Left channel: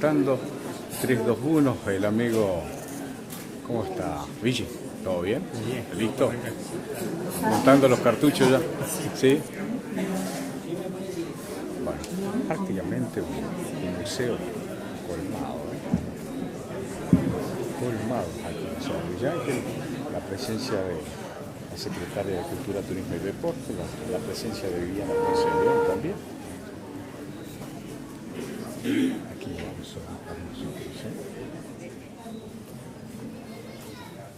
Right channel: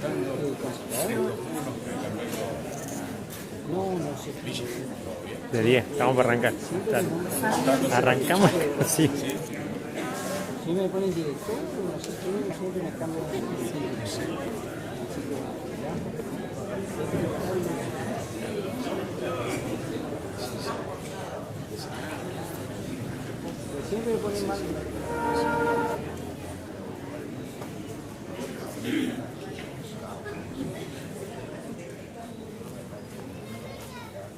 presentando 321, el amigo, ¿cómo está? Ville, ¿todo bien? De 10, estamos para arrancar. Montando los cartuchos ya. Sí. ¿Sí? Bueno, prácticamente un museo. Ya la presencia del secretario de Cultura, Turismo y Deporte, la presencia de Guillermo Concepción también.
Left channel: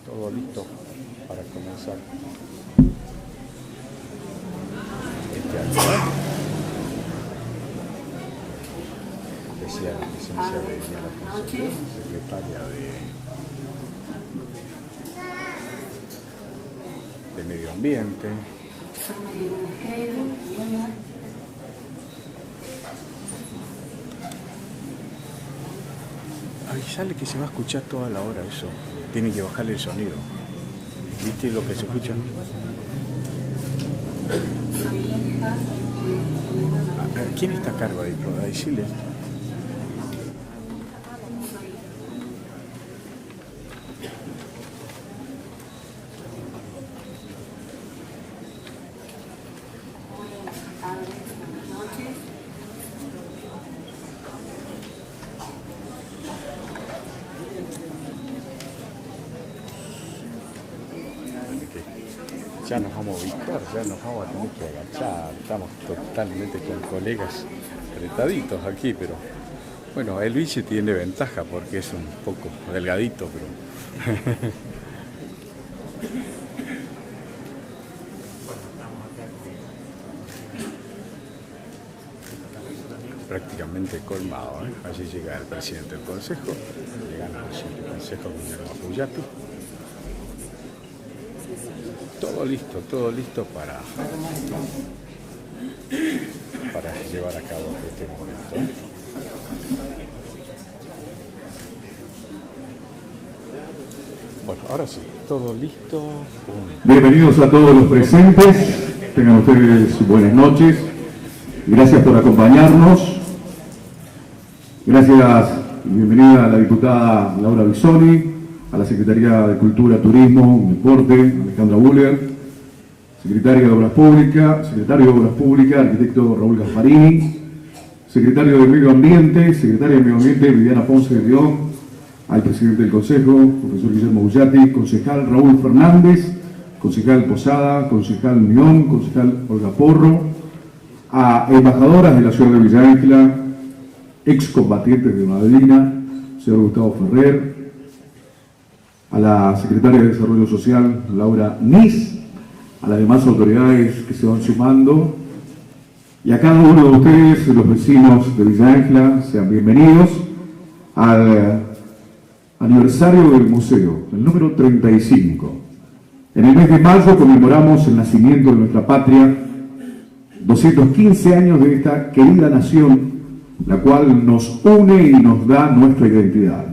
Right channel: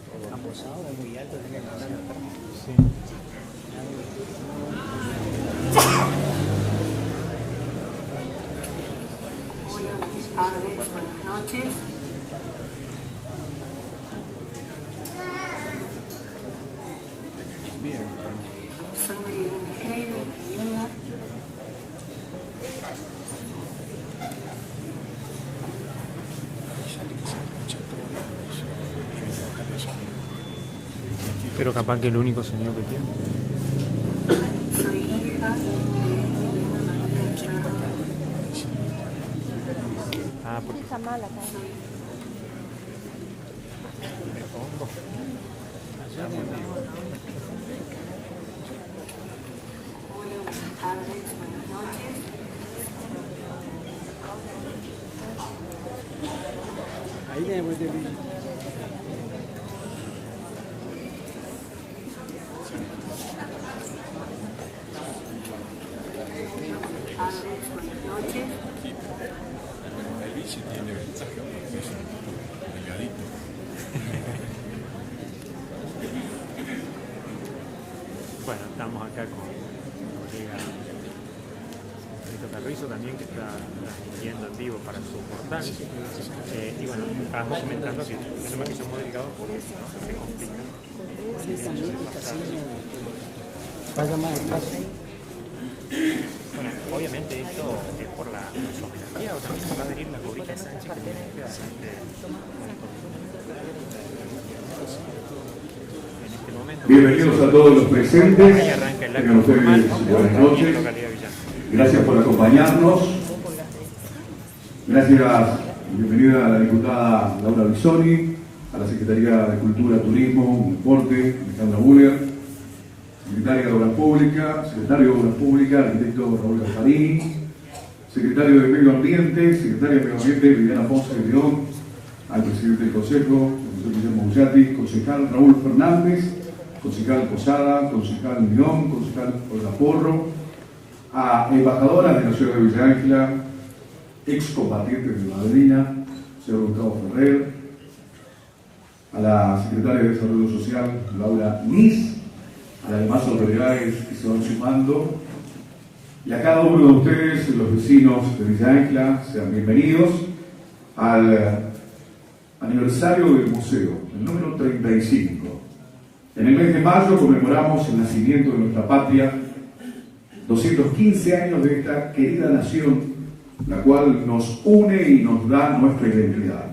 Todo listo para comenzar. Buenas noches. Secretaria de Medio Ambiente. Soy María Esqueira. Avisale que se va a escuchar toda la hora eso. Tiene que bajarle el sonido. Pero capaz que el único sonido que tiene. Soy hija de ¿Quién está a cargo ahí? Para decirle. Ah, porque Está mala, ¿no? buenas tardes, buenas noches. Ya nos vamos a ubicar, ya nos vamos a tener que avanzar. Estamos totalmente con colegas apretaditos aquí, pero bueno, el Ville tiene ventaja porque es un poco delgadito. bueno, estamos acá con Carrizo también, que Prácticamente colmado. Así llega el presidente del consejo. Todo listo para llevar a cabo. Bueno, ahora sí, todo listo. Bienvenidos a todos los presentes, tengan ustedes buenas noches, gracias por acompañarnos, gracias y bienvenida a la diputada Laura Bisoni, a la Secretaría de Cultura, Turismo y Deporte, Alejandra Buller, Secretario de Obras Públicas, arquitecto Raúl Gasparini, Secretario de Medio Ambiente, Secretaria de Medio Ambiente, Viviana Ponce de León, al Presidente del Consejo, profesor Guillermo Bullati, concejal Raúl Fernández, concejal Posada, concejal León, concejal Olga Porro, a embajadoras de la ciudad de Villa Ángela, excombatientes de Madrina, señor Gustavo Ferrer, a la Secretaria de Desarrollo Social, Laura Nis, a las demás autoridades que se van sumando, y a cada uno de ustedes, los vecinos de Villa Ángela, sean bienvenidos al aniversario del museo, el número 35. En el mes de mayo conmemoramos el nacimiento de nuestra patria, 215 años de esta querida nación, la cual nos une y nos da nuestra identidad.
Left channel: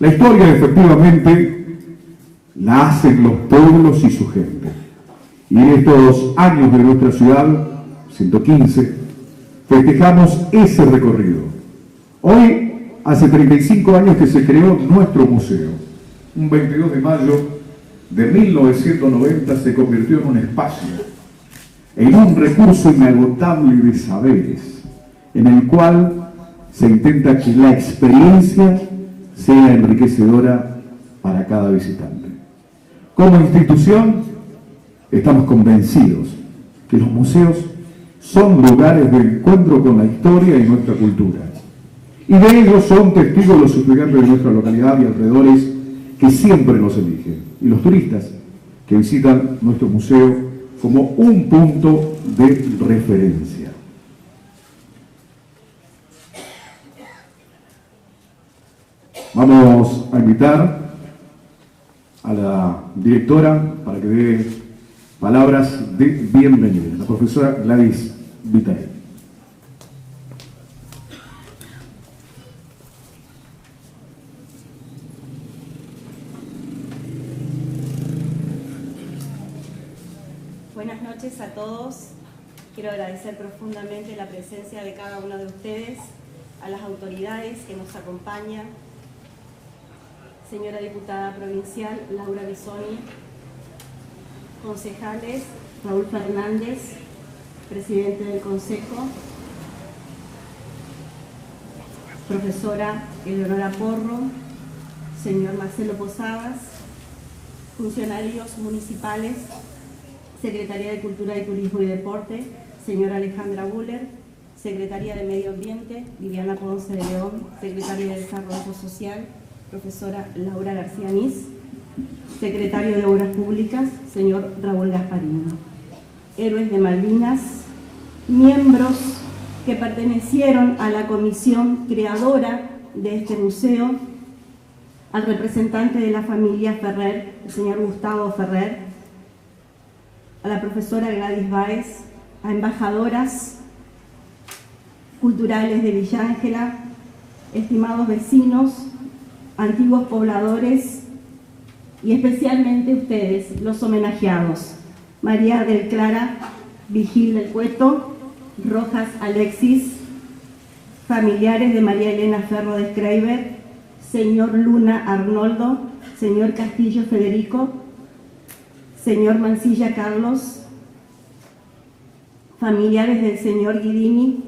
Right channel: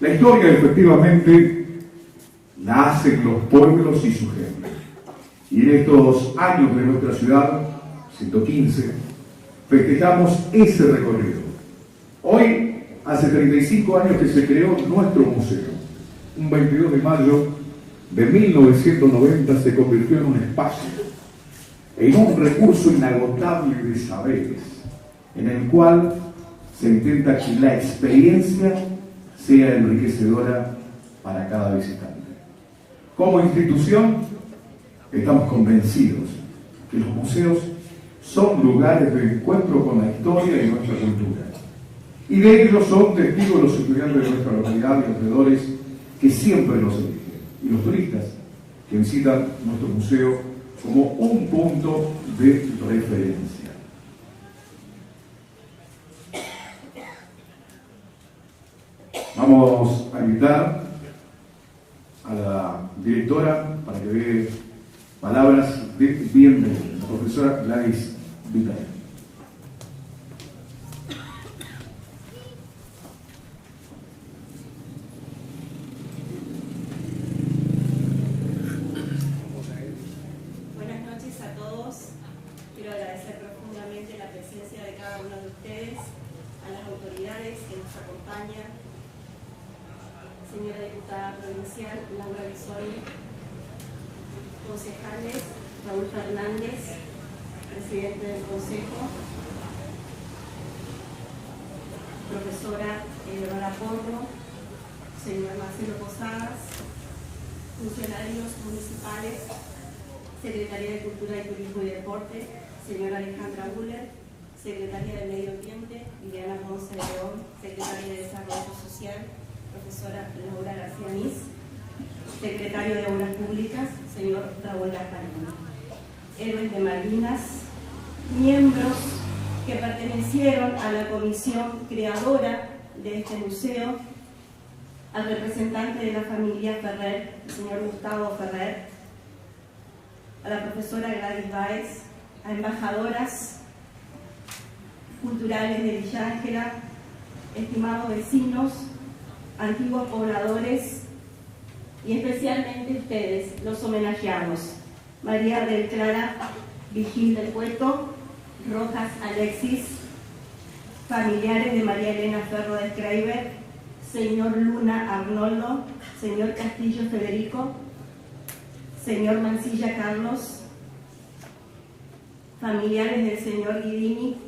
La historia, efectivamente, la hacen los pueblos y su gente. Y en estos años de nuestra ciudad, 115, festejamos ese recorrido. Hoy, hace 35 años que se creó nuestro museo. Un 22 de mayo de 1990 se convirtió en un espacio, en un recurso inagotable de saberes, en el cual se intenta que la experiencia sea enriquecedora para cada visitante. Como institución, estamos convencidos que los museos son lugares de encuentro con la historia y nuestra cultura. Y de ello son testigos los estudiantes de nuestra localidad y alrededores que siempre nos eligen, y los turistas que visitan nuestro museo como un punto de referencia. Vamos a invitar a la directora para que dé palabras de bienvenida, la profesora Gladys Vitale. Buenas noches a todos. Quiero agradecer profundamente la presencia de cada uno de ustedes a las autoridades que nos acompañan, señora diputada provincial Laura Bisoni, concejales Raúl Fernández, presidente del Consejo, profesora Eleonora Porro, señor Marcelo Posadas, funcionarios municipales, Secretaría de Cultura y Turismo y Deporte, señora Alejandra Buller, Secretaría de Medio Ambiente, Viviana Ponce de León, Secretaria de Desarrollo Social, profesora Laura García Nis, Secretario de Obras Públicas, señor Raúl Gasparino. Héroes de Malvinas, miembros que pertenecieron a la comisión creadora de este museo, al representante de la familia Ferrer, el señor Gustavo Ferrer, a la profesora Gladys Báez, a embajadoras culturales de Villa Ángela, estimados vecinos, antiguos pobladores y especialmente ustedes, los homenajeados, María del Clara Vigil del Cueto, Rojas Alexis, familiares de María Elena Ferro de Schreiber, señor Luna Arnoldo, señor Castillo Federico, señor Mancilla Carlos, familiares del señor Guidini,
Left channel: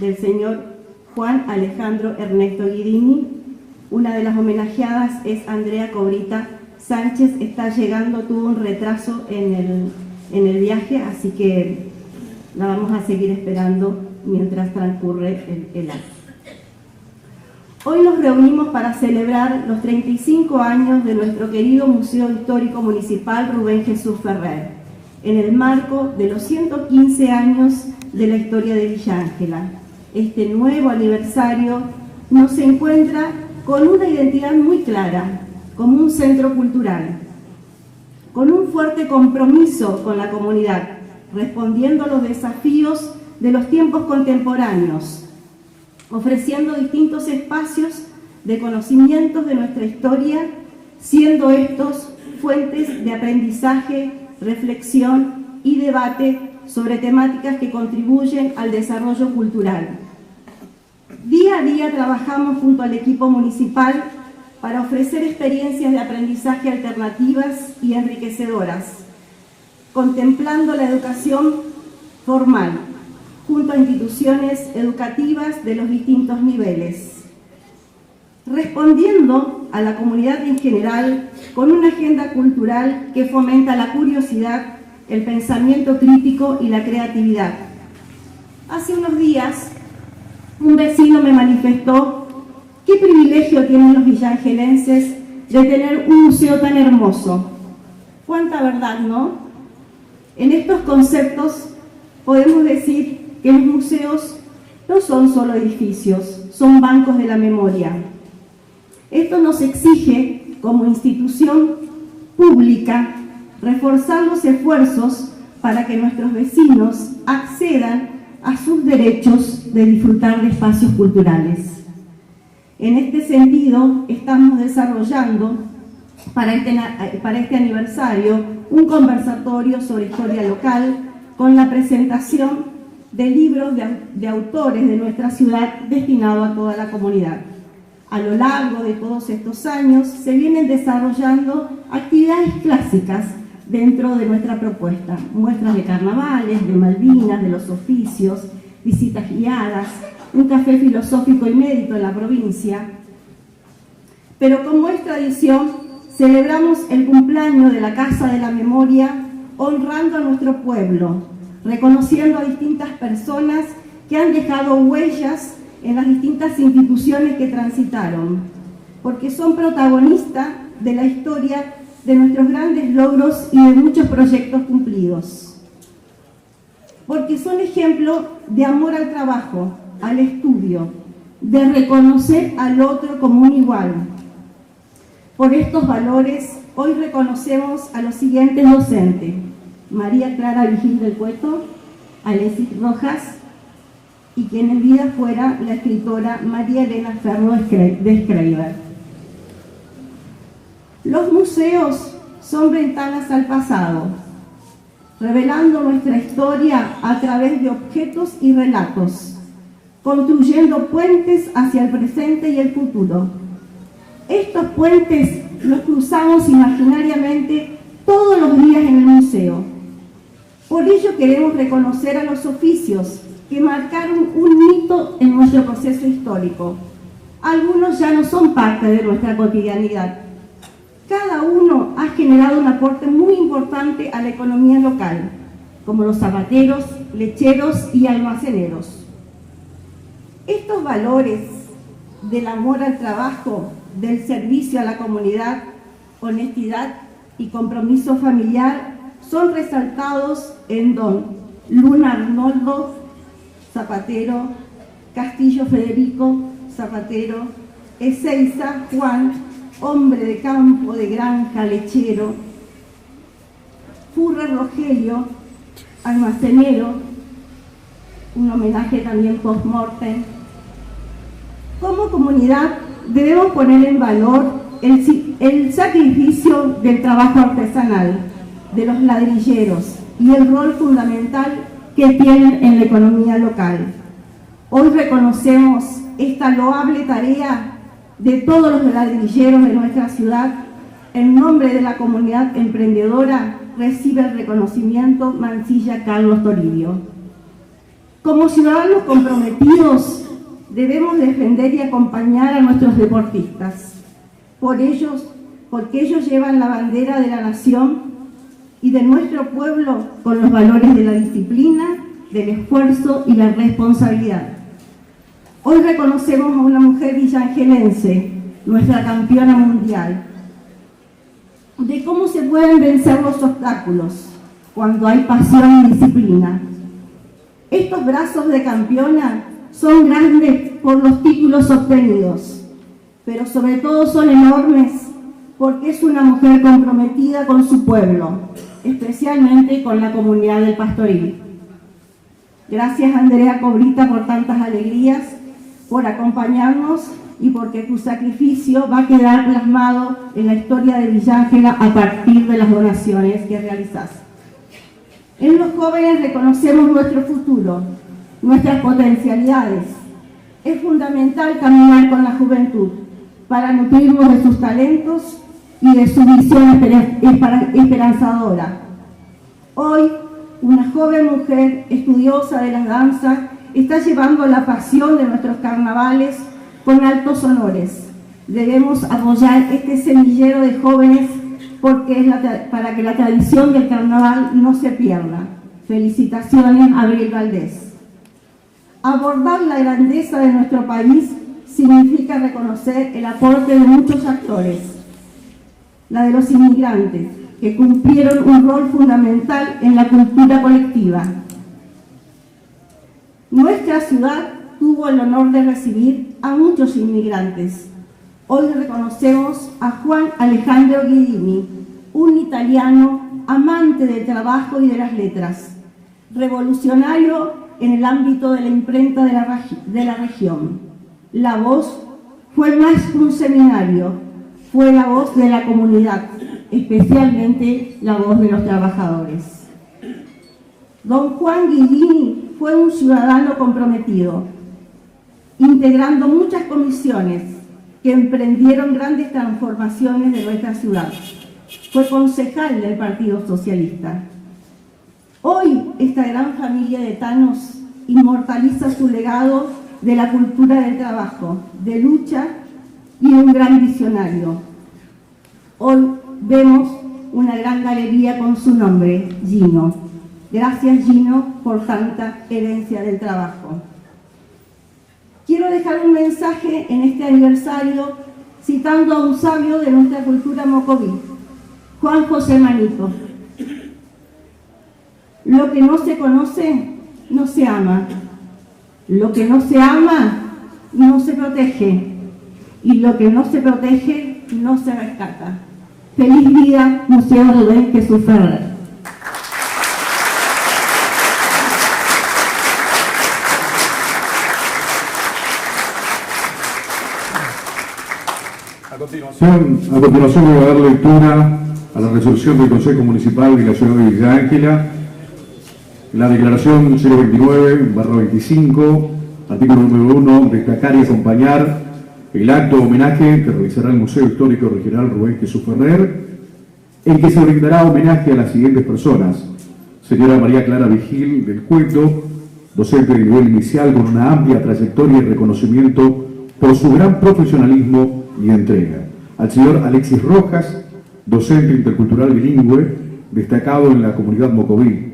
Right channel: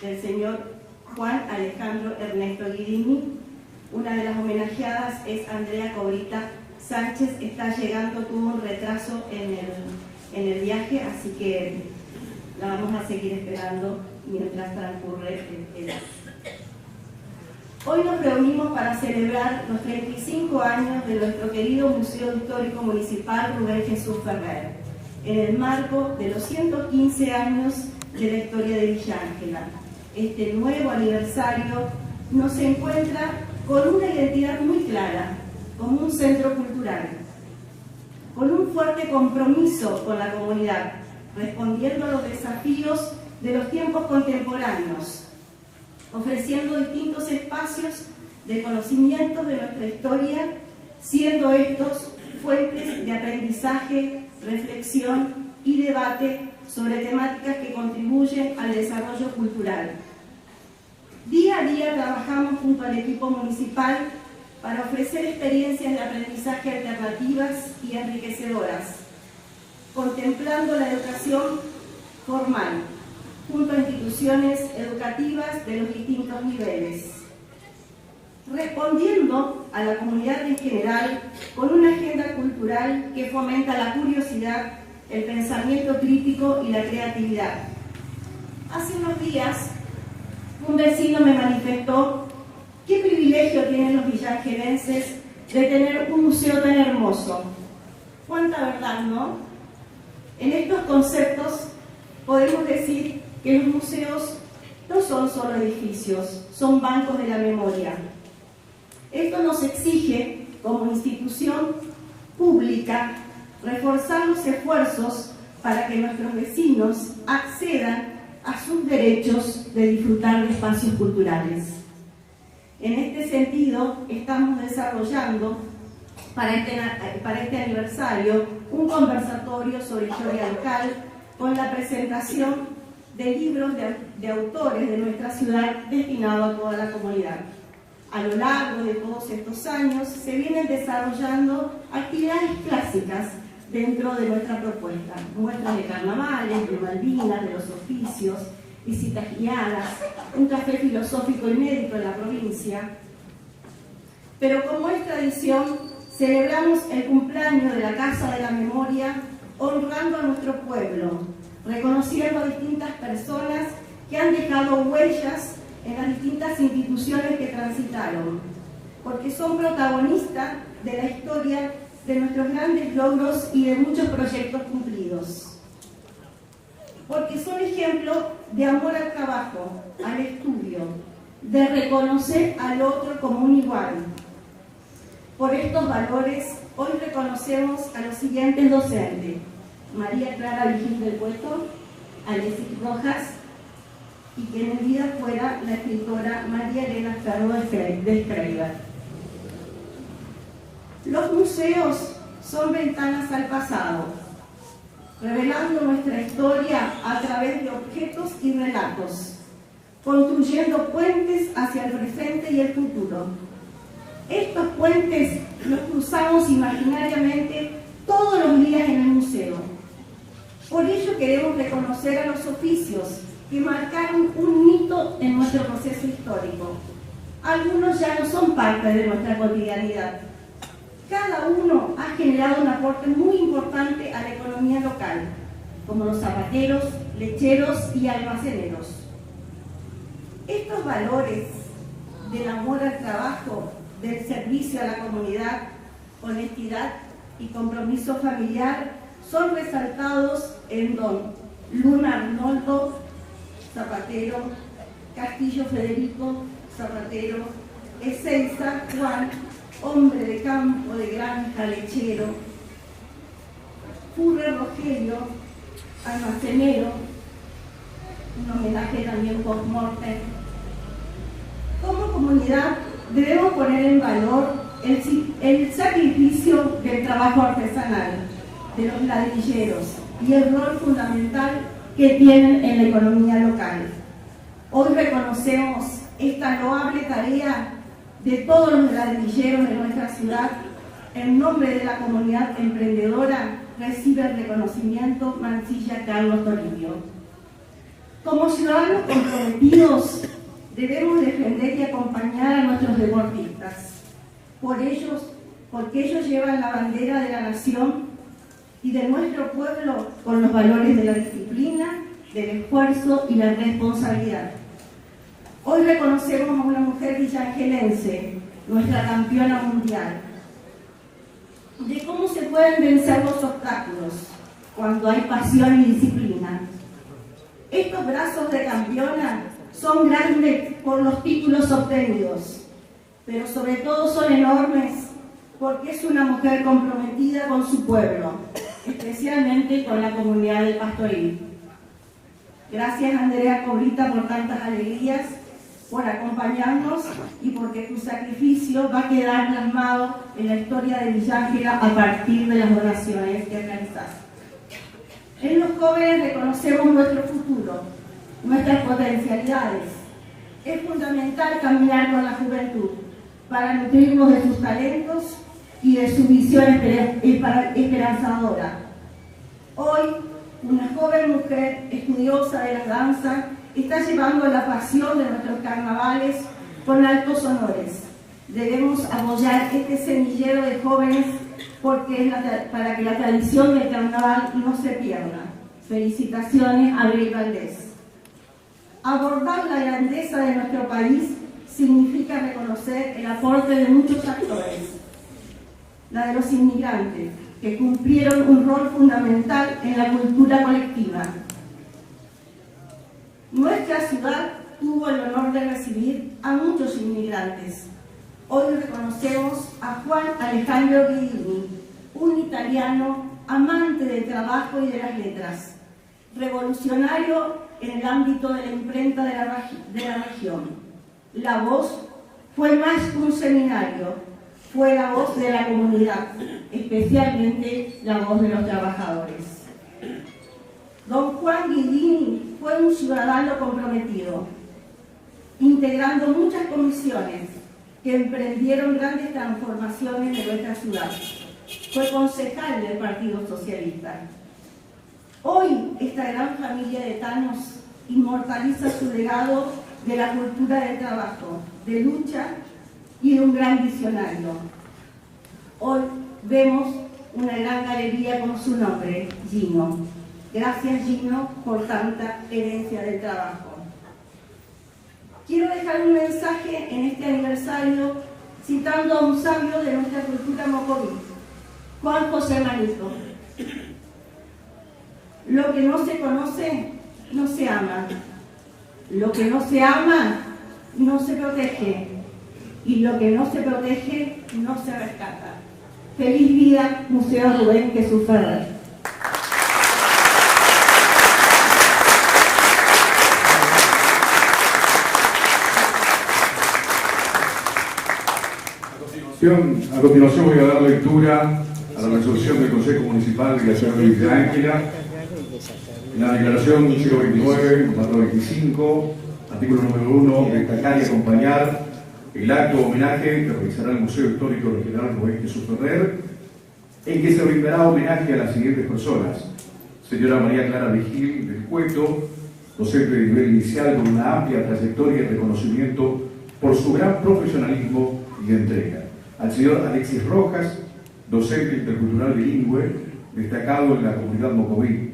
del señor Juan Alejandro Ernesto Guidini. Una de las homenajeadas es Andrea Cobrita Sánchez, está llegando, tuvo un retraso en el viaje, así que la vamos a seguir esperando mientras transcurre el acto. Hoy nos reunimos para celebrar los 35 años de nuestro querido Museo Histórico Municipal Rubén Jesús Ferrer, en el marco de los 115 años de la historia de Villa Ángela. Este nuevo aniversario nos encuentra con una identidad muy clara, como un centro cultural, con un fuerte compromiso con la comunidad, respondiendo a los desafíos de los tiempos contemporáneos, ofreciendo distintos espacios de conocimientos de nuestra historia, siendo estos fuentes de aprendizaje, reflexión y debate sobre temáticas que contribuyen al desarrollo cultural. Día a día trabajamos junto al equipo municipal para ofrecer experiencias de aprendizaje alternativas y enriquecedoras, contemplando la educación formal, junto a instituciones educativas de los distintos niveles, respondiendo a la comunidad en general con una agenda cultural que fomenta la curiosidad, el pensamiento crítico y la creatividad. Hace unos días, un vecino me manifestó qué privilegio tienen los villangelenses de tener un museo tan hermoso. Cuánta verdad, ¿no? En estos conceptos podemos decir que los museos no son solo edificios, son bancos de la memoria. Esto nos exige, como institución pública, reforzar los esfuerzos para que nuestros vecinos accedan a sus derechos de disfrutar de espacios culturales. En este sentido, estamos desarrollando para este aniversario un conversatorio sobre historia local con la presentación de libros de autores de nuestra ciudad destinado a toda la comunidad. A lo largo de todos estos años se vienen desarrollando actividades clásicas dentro de nuestra propuesta, muestras de carnavales, de Malvinas, de los oficios, visitas guiadas, un café filosófico inédito en la provincia. Pero como es tradición, celebramos el cumpleaños de la Casa de la Memoria honrando a nuestro pueblo, reconociendo a distintas personas que han dejado huellas en las distintas instituciones que transitaron, porque son protagonistas de la historia de nuestros grandes logros y de muchos proyectos cumplidos, porque son ejemplo de amor al trabajo, al estudio, de reconocer al otro como un igual. Por estos valores, hoy reconocemos a los siguientes docentes: María Clara Vigil del Cueto, Alexis Rojas, y quien en vida fuera la escritora María Elena Ferro de Schreiber. Los museos son ventanas al pasado, revelando nuestra historia a través de objetos y relatos, construyendo puentes hacia el presente y el futuro. Estos puentes los cruzamos imaginariamente todos los días en el museo. Por ello queremos reconocer a los oficios que marcaron un hito en nuestro proceso histórico. Algunos ya no son parte de nuestra cotidianidad. Cada uno ha generado un aporte muy importante a la economía local, como los zapateros, lecheros y almaceneros. Estos valores del amor al trabajo, del servicio a la comunidad, honestidad y compromiso familiar son resaltados en don Luna Arnoldo, zapatero, Castillo Federico, zapatero, Ezeiza Juan, hombre de campo, de granja, lechero, Furrer Rogelio, almacenero, un homenaje también post-mortem. Como comunidad debemos poner en valor el sacrificio del trabajo artesanal, de los ladrilleros y el rol fundamental que tienen en la economía local. Hoy reconocemos esta loable tarea de todos los ladrilleros de nuestra ciudad. En nombre de la comunidad emprendedora recibe el reconocimiento Mansilla Carlos Toribio. Como ciudadanos comprometidos debemos defender y acompañar a nuestros deportistas, porque ellos llevan la bandera de la nación y de nuestro pueblo con los valores de la disciplina, del esfuerzo y la responsabilidad. Hoy reconocemos a una mujer villangelense, nuestra campeona mundial, de cómo se pueden vencer los obstáculos cuando hay pasión y disciplina. Estos brazos de campeona son grandes por los títulos obtenidos, pero sobre todo son enormes porque es una mujer comprometida con su pueblo, especialmente con la comunidad del Pastoril. Gracias, Andrea Cobrita, por tantas alegrías, por acompañarnos y porque tu sacrificio va a quedar plasmado en la historia de Villángela a partir de las donaciones que realizás. En los jóvenes reconocemos nuestro futuro, nuestras potencialidades. Es fundamental caminar con la juventud para nutrirnos de sus talentos y de su visión esperanzadora. Hoy, una joven mujer estudiosa de la danza está llevando la pasión de nuestros carnavales con altos honores. Debemos apoyar este semillero de jóvenes para que la tradición del carnaval no se pierda. Felicitaciones a Abril Valdés. Abordar la grandeza de nuestro país significa reconocer el aporte de muchos actores, la de los inmigrantes, que cumplieron un rol fundamental en la cultura colectiva. Nuestra ciudad tuvo el honor de recibir a muchos inmigrantes. Hoy reconocemos a Juan Alejandro Guidini, un italiano amante del trabajo y de las letras, revolucionario en el ámbito de la imprenta de la región. La voz fue más que un seminario, fue la voz de la comunidad, especialmente la voz de los trabajadores. Don Juan Guidini fue un ciudadano comprometido, integrando muchas comisiones que emprendieron grandes transformaciones de nuestra ciudad. Fue concejal del Partido Socialista. Hoy, esta gran familia de etanos inmortaliza su legado de la cultura del trabajo, de lucha y de un gran visionario. Hoy vemos una gran galería con su nombre, Gino. Gracias, Gino, por tanta herencia del trabajo. Quiero dejar un mensaje en este aniversario citando a un sabio de nuestra cultura mocoví, Juan José Manito. Lo que no se conoce, no se ama. Lo que no se ama, no se protege. Y lo que no se protege, no se rescata. Feliz vida, Museo Rubén Jesús Ferrer. A continuación voy a dar lectura a la resolución del Consejo Municipal de la Ciudad de Villa Ángela, la declaración 029/25, Artículo número 1. Destacar y acompañar el acto de homenaje que realizará el Museo Histórico Regional Rubén Jesús Ferrer, en que se brindará homenaje a las siguientes personas: señora María Clara Vigil del Cueto, docente de nivel inicial con una amplia trayectoria y reconocimiento por su gran profesionalismo y entrega; al señor Alexis Rojas, docente intercultural bilingüe, destacado en la comunidad mocoví;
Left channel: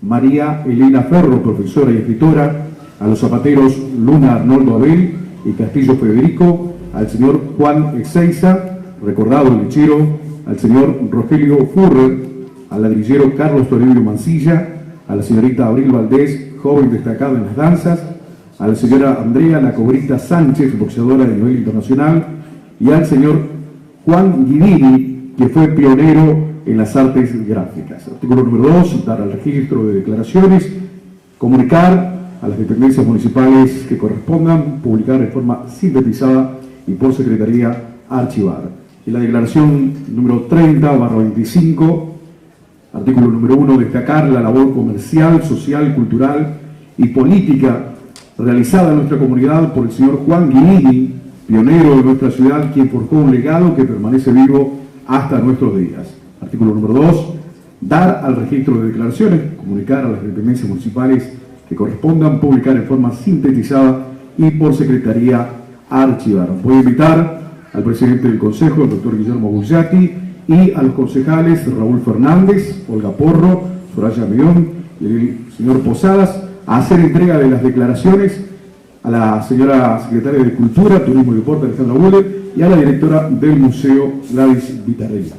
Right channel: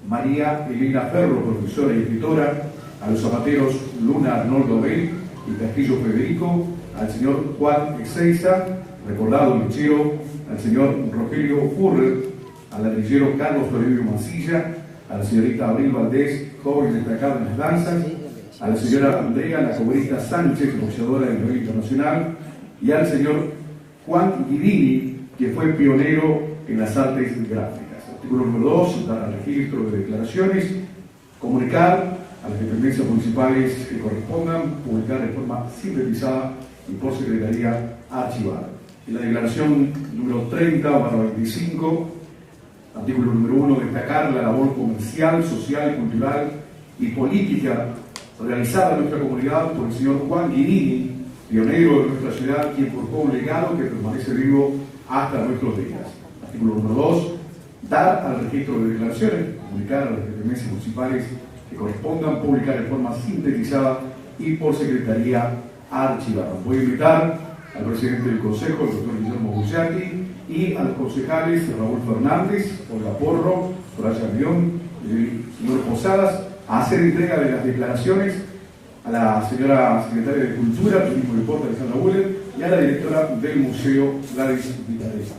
María Elena Ferro, profesora y escritora; a los zapateros Luna Arnoldo Abel y Castillo Federico; al señor Juan Ezeiza, recordado lechero; al señor Rogelio Furrer; al ladrillero Carlos Toribio Mancilla; a la señorita Abril Valdés, joven destacada en las danzas; a la señora Andrea La Cobrita Sánchez, boxeadora de nivel internacional; y al señor Juan Guidini, que fue pionero en las artes gráficas. Artículo número 2, dar al registro de declaraciones, comunicar a las dependencias municipales que correspondan, publicar de forma sintetizada y por secretaría archivada. Y la declaración número 30/25, artículo número 1, destacar la labor comercial, social, cultural y política realizada en nuestra comunidad por el señor Juan Guinini, pionero de nuestra ciudad, quien forjó un legado que permanece vivo hasta nuestros días. Artículo número 2, dar al registro de declaraciones, comunicar a las dependencias municipales que correspondan, publicar en forma sintetizada y por secretaría archivada. Voy a invitar al presidente del Consejo, el doctor Guillermo Bugliati, y a los concejales Raúl Fernández, Olga Porro, Soraya Mión y el señor Posadas a hacer entrega de las declaraciones a la señora secretaria de Cultura, Turismo y Deporte, Alejandra Buller, y a la directora del Museo, Gladys Vitarella.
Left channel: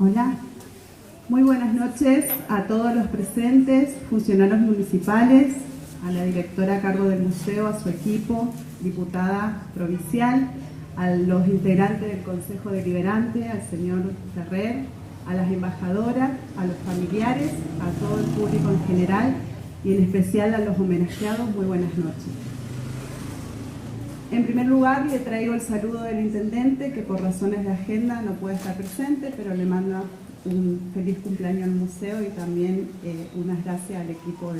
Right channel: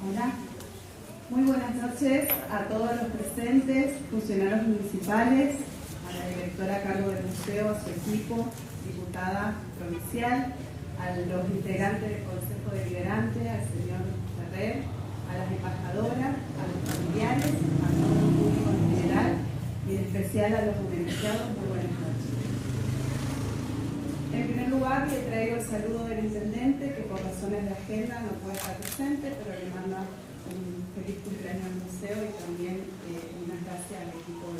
Hola, muy buenas noches a todos los presentes, funcionarios municipales, a la directora a cargo del museo, a su equipo, diputada provincial, a los integrantes del Consejo Deliberante, al señor Ferrer, a las embajadoras, a los familiares, a todo el público en general y en especial a los homenajeados. Muy buenas noches. En primer lugar, le traigo el saludo del intendente, que por razones de agenda no puede estar presente, pero le manda un feliz cumpleaños al museo y también unas gracias al equipo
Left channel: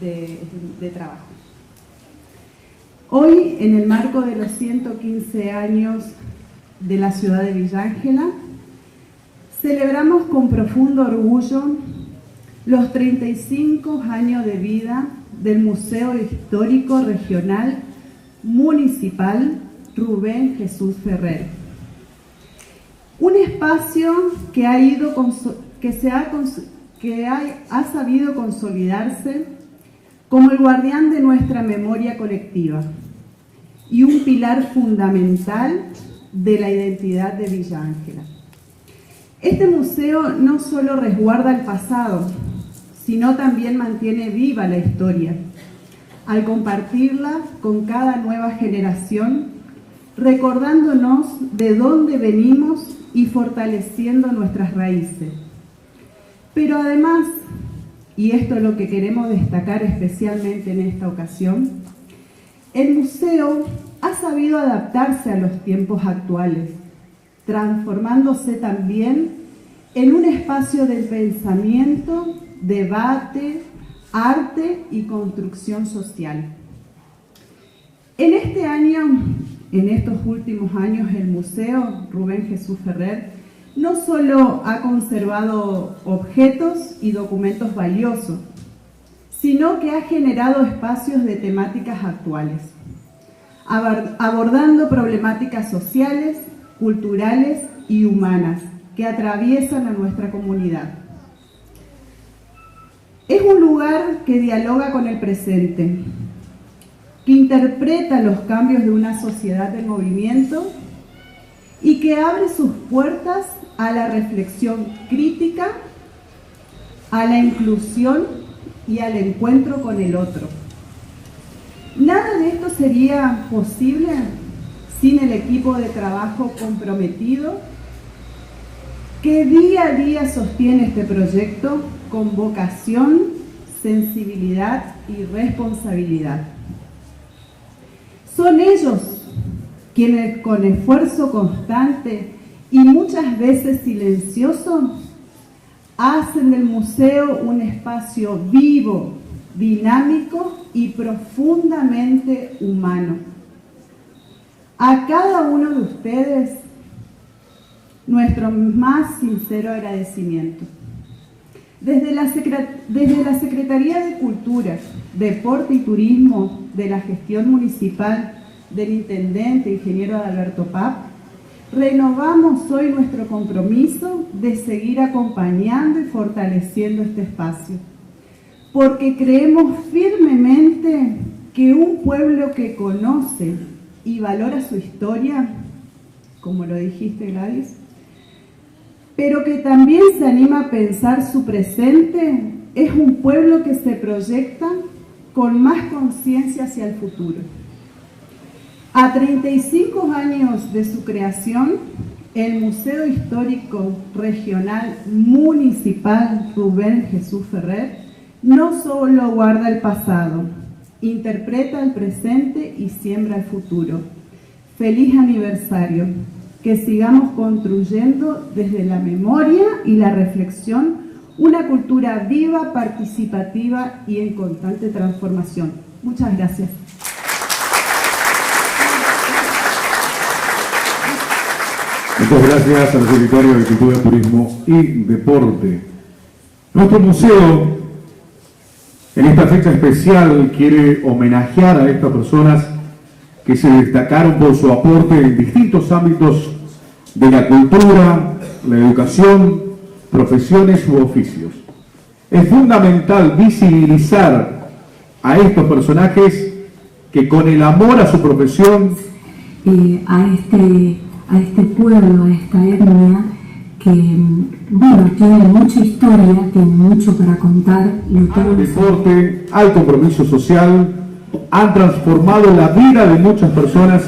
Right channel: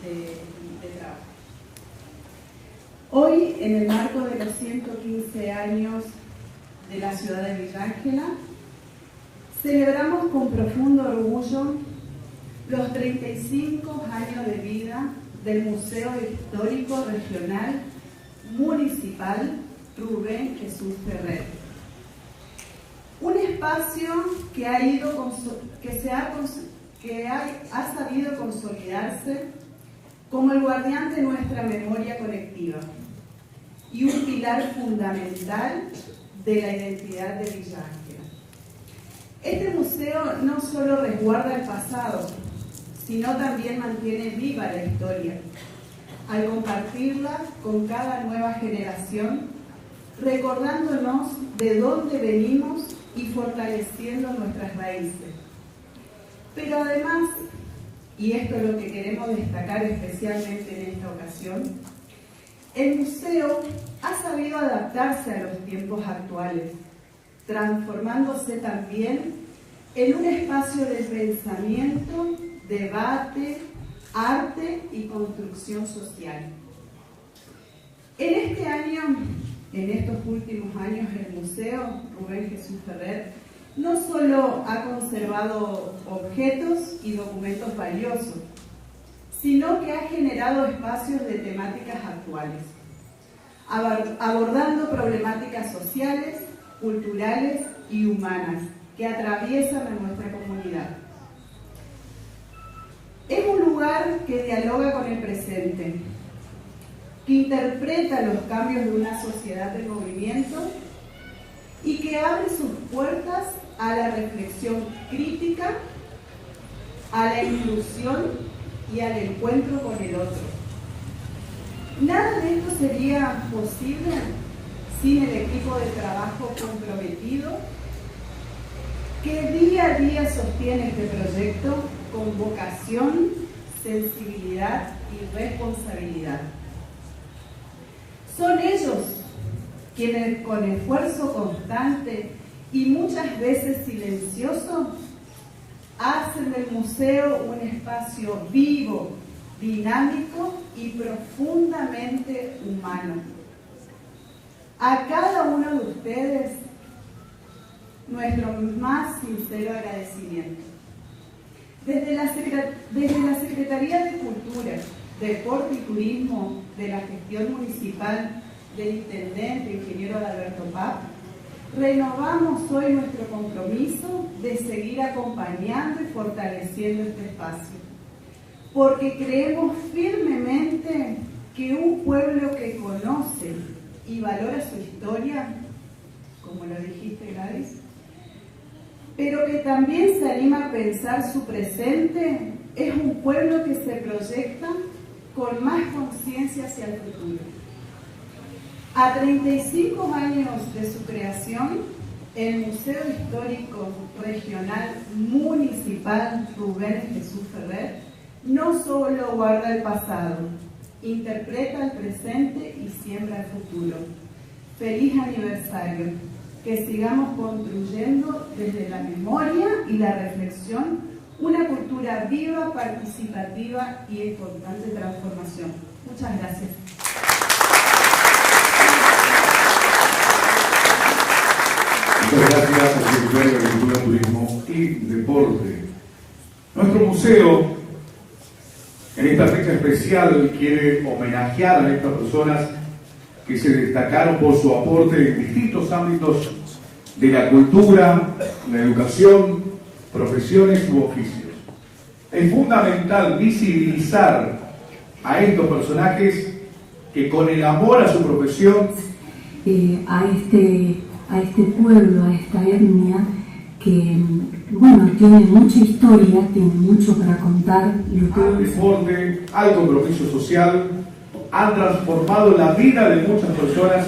de trabajo. Hoy, en el marco de los 115 años de la ciudad de Villa Ángela, celebramos con profundo orgullo los 35 años de vida del Museo Histórico Regional Municipal Rubén Jesús Ferrer. Un espacio que ha sabido consolidarse como el guardián de nuestra memoria colectiva y un pilar fundamental de la identidad de Villa Ángela. Este museo no solo resguarda el pasado, sino también mantiene viva la historia, al compartirla con cada nueva generación, recordándonos de dónde venimos y fortaleciendo nuestras raíces. Pero además, y esto es lo que queremos destacar especialmente en esta ocasión, el museo ha sabido adaptarse a los tiempos actuales, transformándose también en un espacio de pensamiento, debate, arte y construcción social. En este año, en estos últimos años, el Museo Rubén Jesús Ferrer no solo ha conservado objetos y documentos valiosos, sino que ha generado espacios de temáticas actuales, abordando problemáticas sociales, culturales y humanas que atraviesan a nuestra comunidad. Es un lugar que dialoga con el presente, que interpreta los cambios de una sociedad del movimiento y que abre sus puertas a la reflexión crítica, a la inclusión y al encuentro con el otro. Nada de esto sería posible sin el equipo de trabajo comprometido que día a día sostiene este proyecto con vocación, sensibilidad y responsabilidad. Son ellos quienes con esfuerzo constante y muchas veces silencioso hacen del museo un espacio vivo, dinámico y profundamente humano. A cada uno de ustedes, nuestro más sincero agradecimiento. Desde la Secretaría de Cultura, Deporte y Turismo de la Gestión Municipal del Intendente Ingeniero Adalberto Papp, renovamos hoy nuestro compromiso de seguir acompañando y fortaleciendo este espacio, porque creemos firmemente que un pueblo que conoce y valora su historia, como lo dijiste, Gladys, pero que también se anima a pensar su presente, es un pueblo que se proyecta con más conciencia hacia el futuro. A 35 años de su creación, el Museo Histórico Regional Municipal Rubén Jesús Ferrer no solo guarda el pasado, interpreta el presente y siembra el futuro. Feliz aniversario, que sigamos construyendo desde la memoria y la reflexión una cultura viva, participativa y en constante transformación. Muchas gracias. Muchas gracias al Secretario de Cultura, Turismo y Deporte. Nuestro museo, en esta fecha especial, quiere homenajear a estas personas que se destacaron por su aporte en distintos ámbitos de la cultura, la educación, profesiones u oficios. Es fundamental visibilizar a estos personajes que con el amor a su profesión, a este pueblo, a esta etnia, que, bueno, tiene mucha historia, tiene mucho para contar. al deporte, al compromiso social, han transformado la vida de muchas personas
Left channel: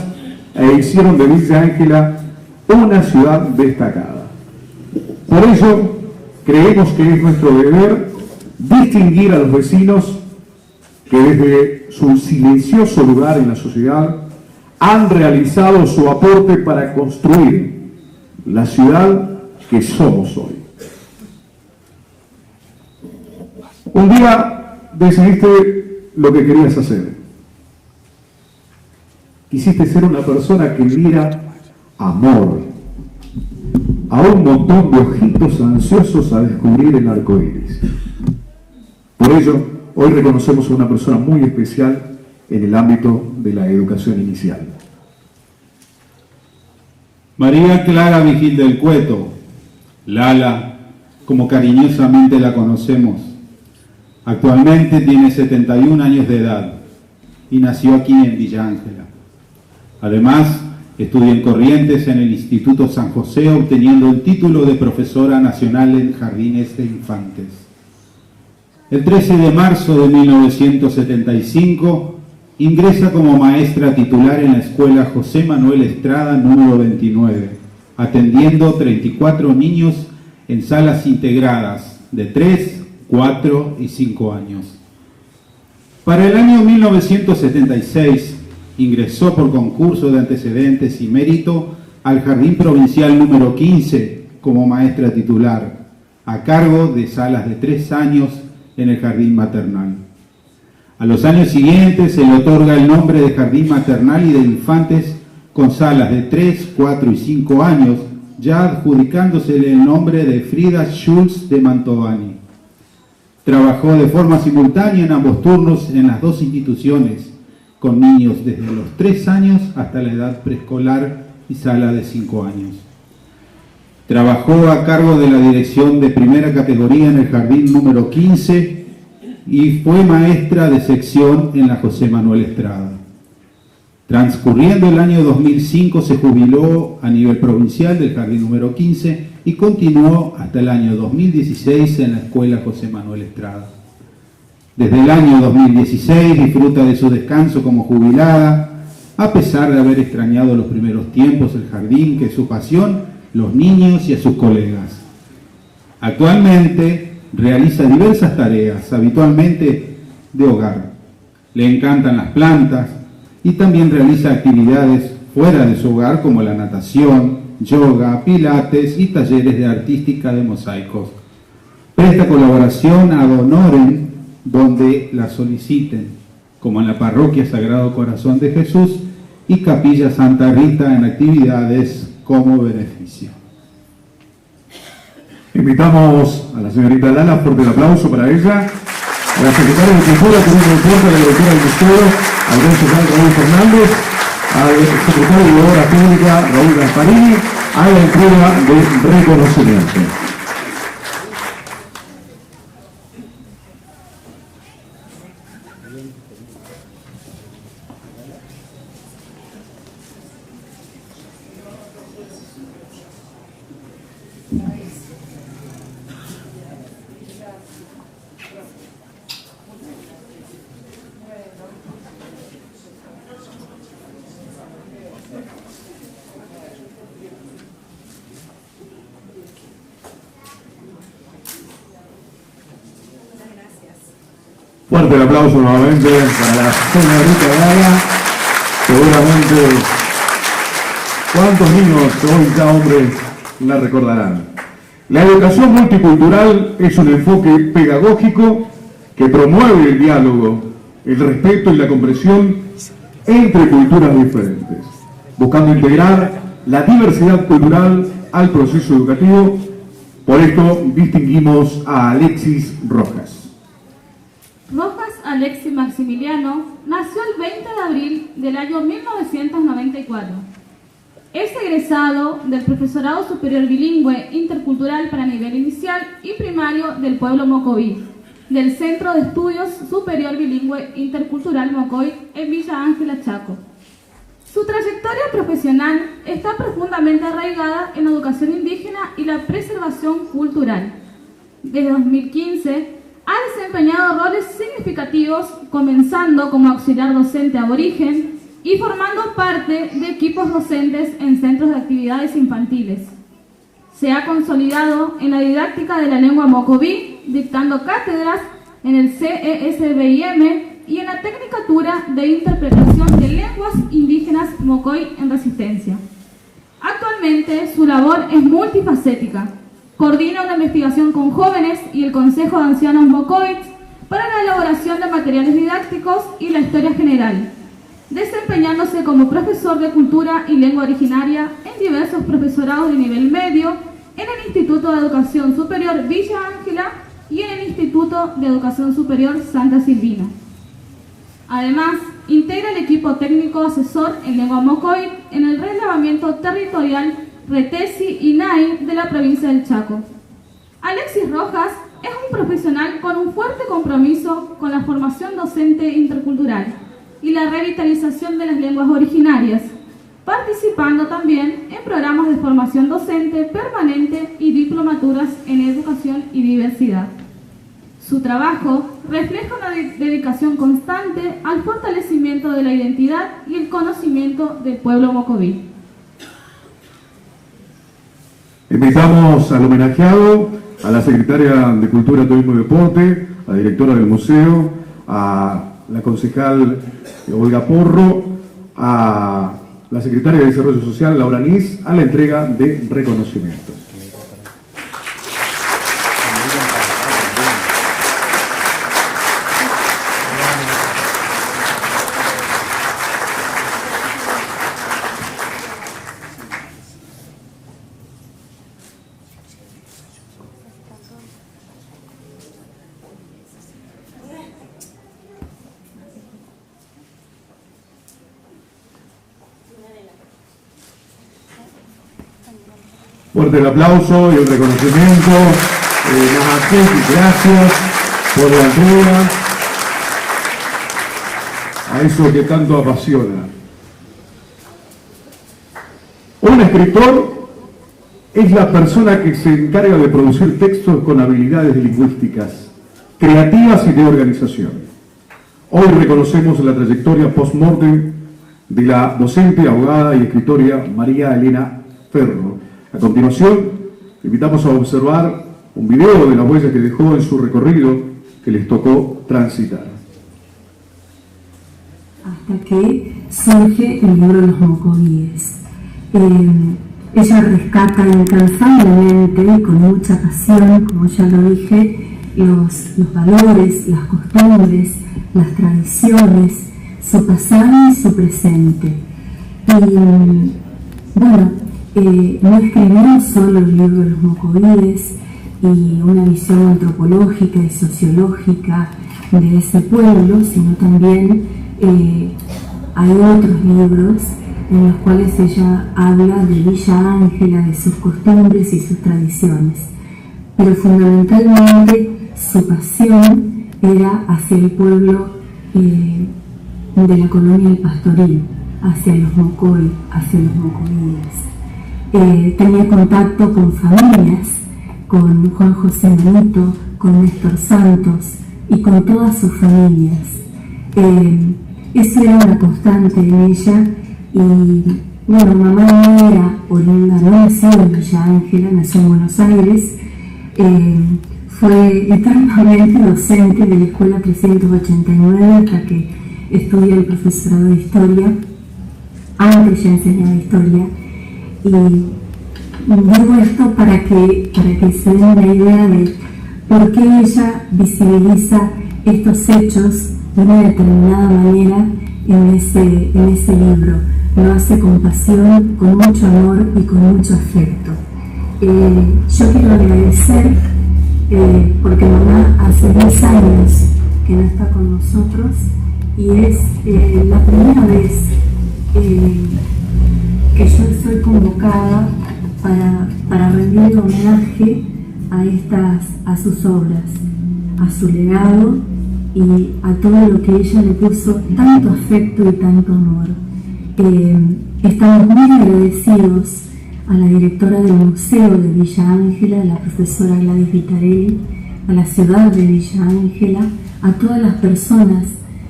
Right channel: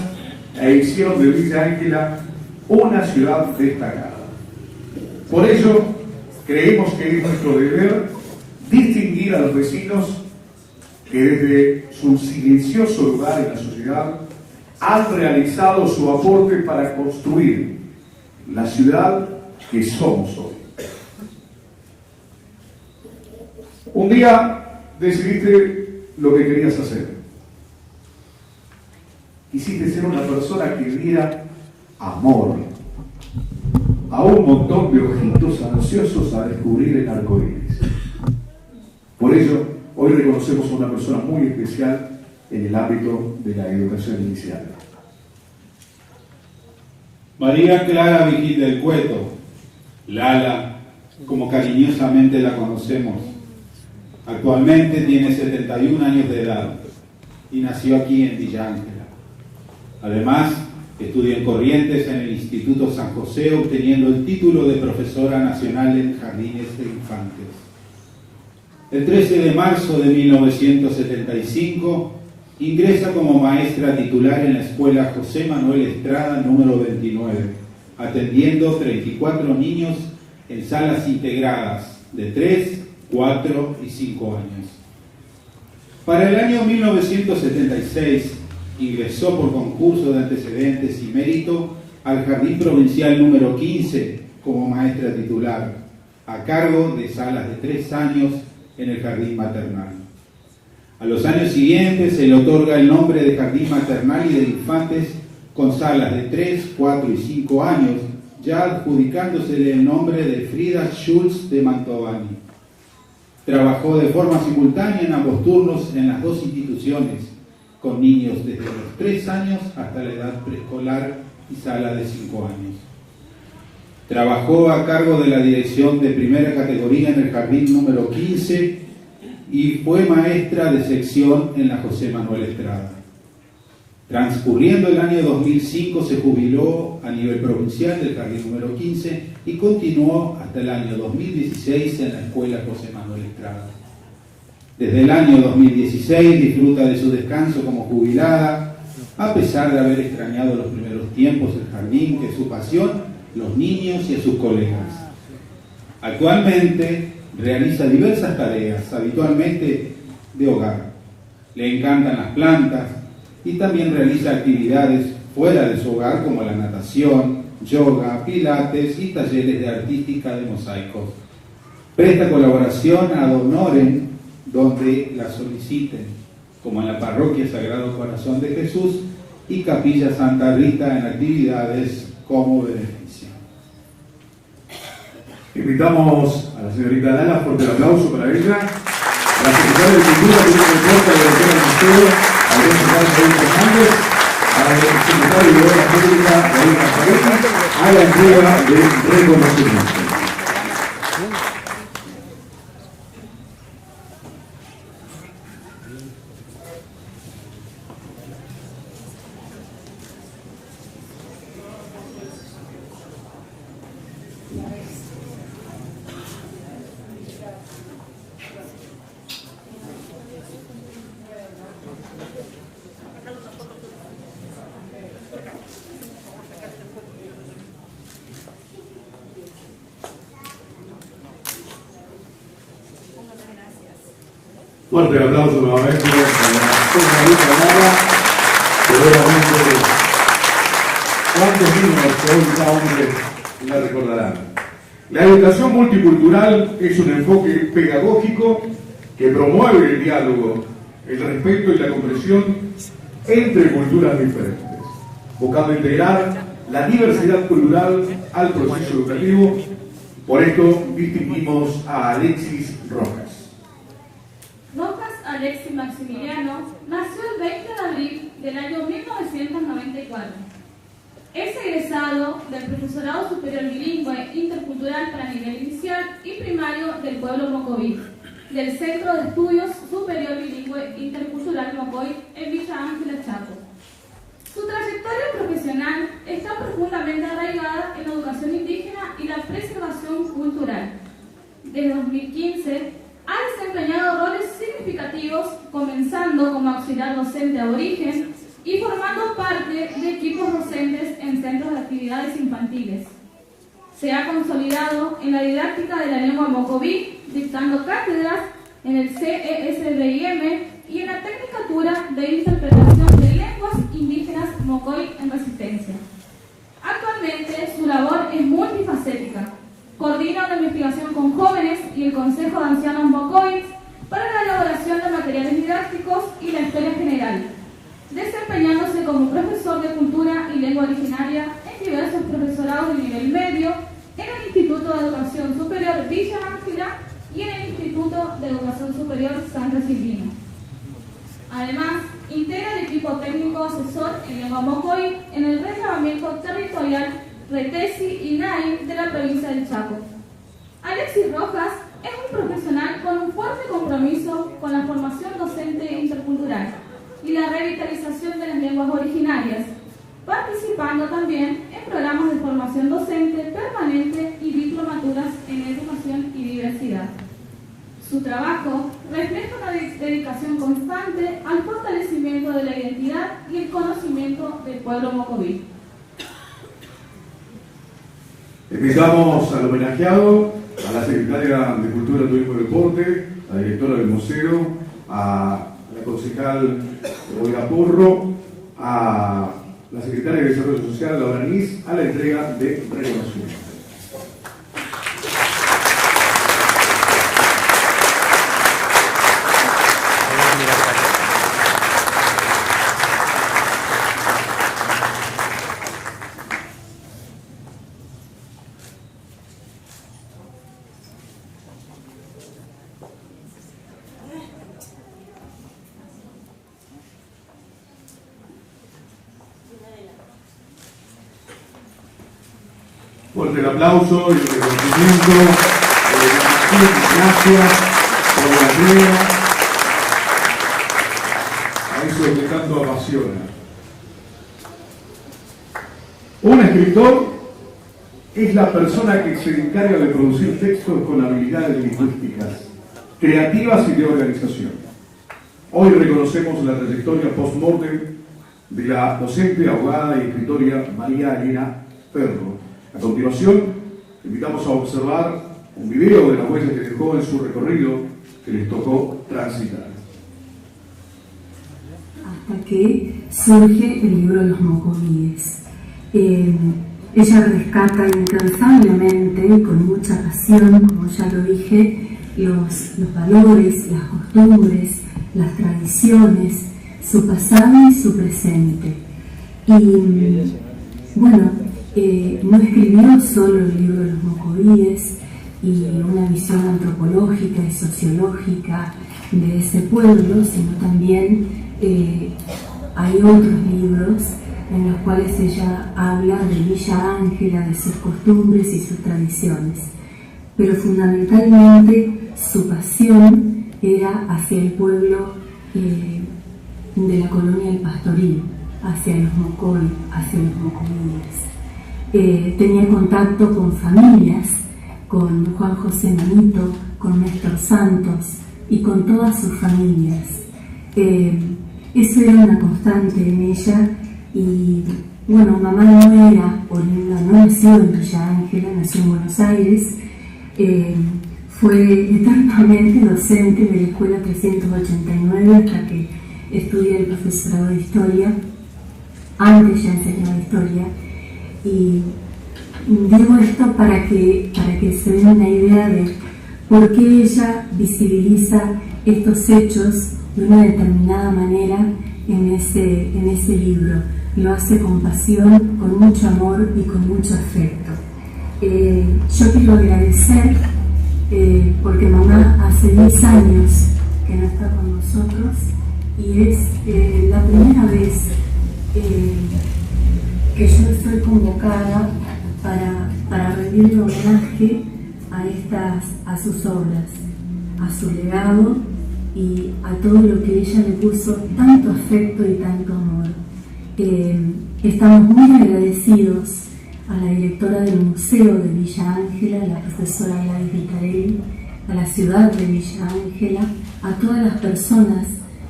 e hicieron de Villa Ángela una ciudad destacada. Por ello, creemos que es nuestro deber distinguir a los vecinos que desde su silencioso lugar en la sociedad han realizado su aporte para construir la ciudad que somos hoy. Un día decidiste lo que querías hacer. Quisiste ser una persona que diera amor a un montón de ojitos ansiosos a descubrir el arco iris. Por ello, hoy reconocemos a una persona muy especial en el ámbito de la educación inicial. María Clara Vigil del Cueto, Lala, como cariñosamente la conocemos, actualmente tiene 71 años de edad y nació aquí en Villa Ángela. Además, estudia en Corrientes en el Instituto San José, obteniendo el título de profesora nacional en jardines de infantes. El 13 de marzo de 1975 ingresa como maestra titular en la Escuela José Manuel Estrada número 29, atendiendo 34 niños en salas integradas de 3, 4 y 5 años. Para el año 1976 ingresó por concurso de antecedentes y mérito al Jardín Provincial número 15 como maestra titular, a cargo de salas de 3 años en el Jardín Maternal. A los años siguientes se le otorga el nombre de Jardín Maternal y de Infantes con salas de 3, 4 y 5 años, ya adjudicándosele el nombre de Frida Schulz de Mantovani. Trabajó de forma simultánea en ambos turnos en las dos instituciones, con niños desde los 3 años hasta la edad preescolar y sala de 5 años. Trabajó a cargo de la dirección de primera categoría en el Jardín número 15 y fue maestra de sección en la José Manuel Estrada. Transcurriendo el año 2005 se jubiló a nivel provincial del Jardín número 15 y continuó hasta el año 2016 en la Escuela José Manuel Estrada. Desde el año 2016 disfruta de su descanso como jubilada, a pesar de haber extrañado los primeros tiempos el jardín, que es su pasión, los niños y a sus colegas. Actualmente realiza diversas tareas, habitualmente de hogar. Le encantan las plantas y también realiza actividades fuera de su hogar como la natación, yoga, pilates y talleres de artística de mosaicos. Presta colaboración ad honorem donde la soliciten, como en la Parroquia Sagrado Corazón de Jesús y Capilla Santa Rita en actividades como beneficio. Invitamos a la señorita Lala, fuerte el aplauso para ella, a la secretaria de Cultura, Turismo y Deporte, a la directora del museo, al secretario Raúl Fernández, al secretario de Obras Públicas, David Gasparini, a la entrega de reconocimiento. Fuerte el aplauso nuevamente para la señorita Lala. Seguramente, ¿cuántos niños hoy ya hombres la recordarán? La educación multicultural es un enfoque pedagógico que promueve el diálogo, el respeto y la comprensión entre culturas diferentes, buscando integrar la diversidad cultural al proceso educativo. Por esto distinguimos a Alexis Rojas. Rojas Alexis Maximiliano nació el 20 de abril del año 1994. Es egresado del Profesorado Superior Bilingüe Intercultural para nivel inicial y primario del pueblo Mocoví, del Centro de Estudios Superior Bilingüe Intercultural Mocoví en Villa Ángela, Chaco. Su trayectoria profesional está profundamente arraigada en la educación indígena y la preservación cultural. Desde 2015 ha desempeñado roles significativos, comenzando como auxiliar docente aborigen y formando parte de equipos docentes en centros de actividades infantiles. Se ha consolidado en la didáctica de la lengua mocoví, dictando cátedras en el CESBIM y en la Tecnicatura de Interpretación de Lenguas Indígenas Mocoí en Resistencia. Actualmente su labor es multifacética. Coordina una investigación con jóvenes y el Consejo de Ancianos Mocoís para la elaboración de materiales didácticos y la historia general, desempeñándose como profesor de cultura y lengua originaria en diversos profesorados de nivel medio en el Instituto de Educación Superior Villa Ángela y en el Instituto de Educación Superior Santa Silvina. Además, integra el equipo técnico asesor en lengua mocoí en el relevamiento territorial Retesi y NAI de la provincia del Chaco. Alexis Rojas es un profesional con un fuerte compromiso con la formación docente intercultural y la revitalización de las lenguas originarias, participando también en programas de formación docente permanente y diplomaturas en educación y diversidad. Su trabajo refleja una dedicación constante al fortalecimiento de la identidad y el conocimiento del pueblo mocoví. Invitamos al homenajeado, a la secretaria de Cultura, Turismo y Deporte, a la directora del museo, a la concejal Olga Porro, a la secretaria de Desarrollo Social, Laura Nis, a la entrega de reconocimiento. Fuerte el aplauso y el reconocimiento. Gracias por la entrega a eso que tanto apasiona. escritor es la persona que se encarga de producir textos con habilidades lingüísticas, creativas y de organización. Hoy reconocemos la trayectoria post-mortem de la docente, abogada y escritora María Elena Ferro. A continuación, invitamos a observar un video de las huellas que dejó en su recorrido que les tocó transitar. Hasta que surge el libro Los Mocovíes. Ella rescata incansablemente y con mucha pasión, como ya lo dije, los valores, las costumbres, las tradiciones, su pasado y su presente. Y bueno, no escribió solo el libro Los Mocovíes y una visión antropológica y sociológica de ese pueblo, sino también hay otros libros en los cuales ella habla de Villa Ángela, de sus costumbres y sus tradiciones. Pero fundamentalmente su pasión era hacia el pueblo de la colonia El Pastoril, hacia los Mocoy, hacia los Mocovíes. Tenía contacto con familias, con Juan José Manito, con Néstor Santos y con todas sus familias. Eso era una constante en ella. Y bueno, mamá no era oriunda, no nació en Villa Ángela, nació en Buenos Aires, fue eternamente docente de la Escuela 389 hasta que estudió el profesorado de Historia. Antes ya enseñaba Historia, y digo esto para que se den una idea de por qué ella visibiliza estos hechos de una determinada manera en ese libro. Lo hace con pasión, con mucho amor y con mucho afecto. Yo quiero agradecer porque mamá hace 10 años que no está con nosotros y es la primera vez que yo soy convocada para rendir homenaje a sus obras, a su legado y a todo lo que ella le puso tanto afecto y tanto amor. Estamos muy agradecidos a la directora del Museo de Villa Ángela, la profesora Gladys Vitarelli, a la ciudad de Villa Ángela, a todas las personas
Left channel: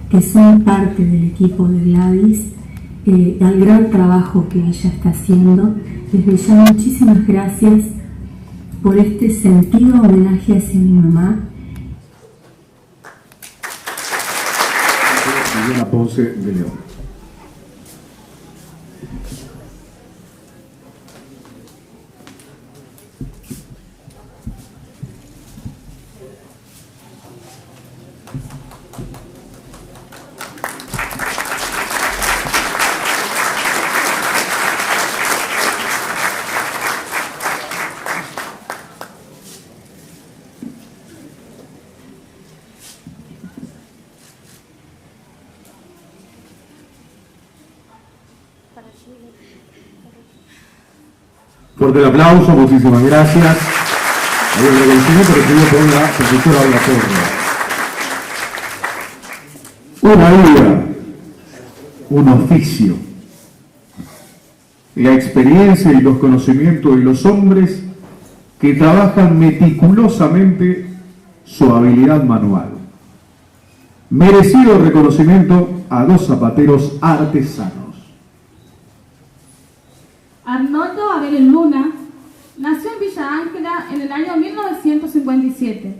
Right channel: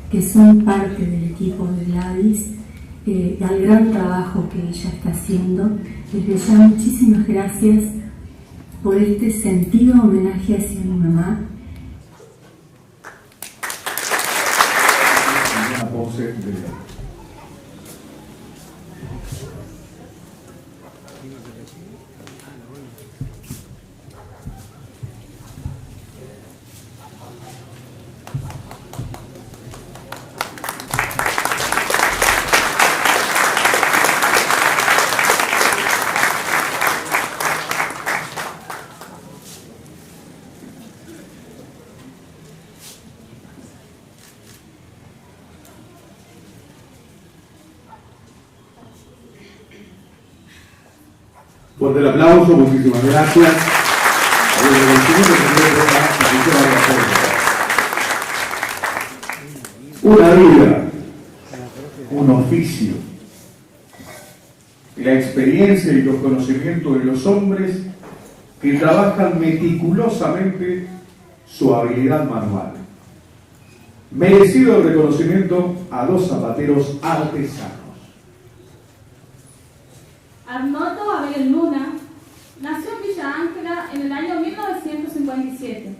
que son parte del equipo de Gladys, al gran trabajo que ella está haciendo. Desde ya muchísimas gracias por este sentido homenaje hacia mi mamá. Una pose de león. Fuerte el aplauso, muchísimas gracias. Una vida, un oficio, la experiencia y los conocimientos de los hombres que trabajan meticulosamente su habilidad manual. Merecido reconocimiento a dos zapateros artesanos. Arnoldo Abel Luna nació en Villa Ángela en el año 1957.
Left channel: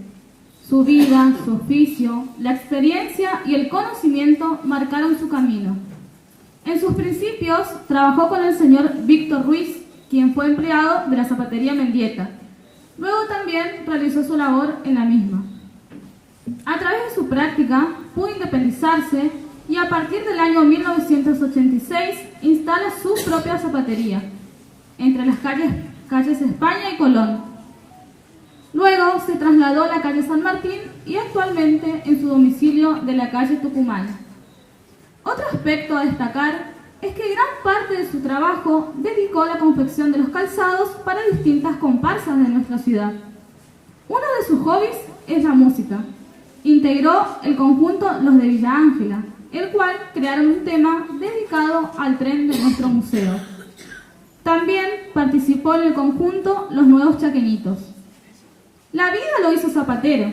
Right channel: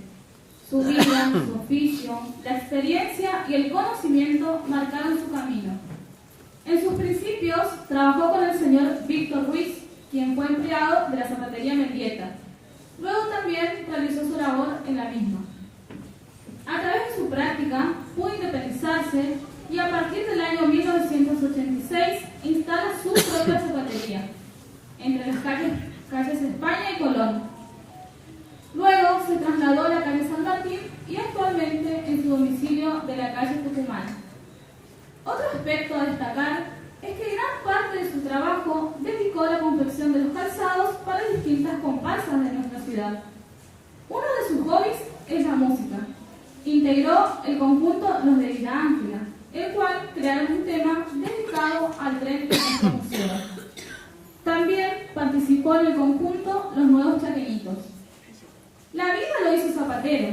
Su vida, su oficio, la experiencia y el conocimiento marcaron su camino. En sus principios trabajó con el señor Víctor Ruiz, quien fue empleado de la zapatería Mendieta. Luego también realizó su labor en la misma. A través de su práctica pudo independizarse y a partir del año 1986 instala su propia zapatería entre las calles España y Colón. Luego se trasladó a la calle San Martín y actualmente en su domicilio de la calle Tucumán. Otro aspecto a destacar es que gran parte de su trabajo dedicó a la confección de los calzados para distintas comparsas de nuestra ciudad. Uno de sus hobbies es la música. Integró el conjunto Los de Villa Ángela, el cual crearon un tema dedicado al tren de nuestro museo. También participó en el conjunto Los Nuevos Chaqueñitos. La vida lo hizo zapatero.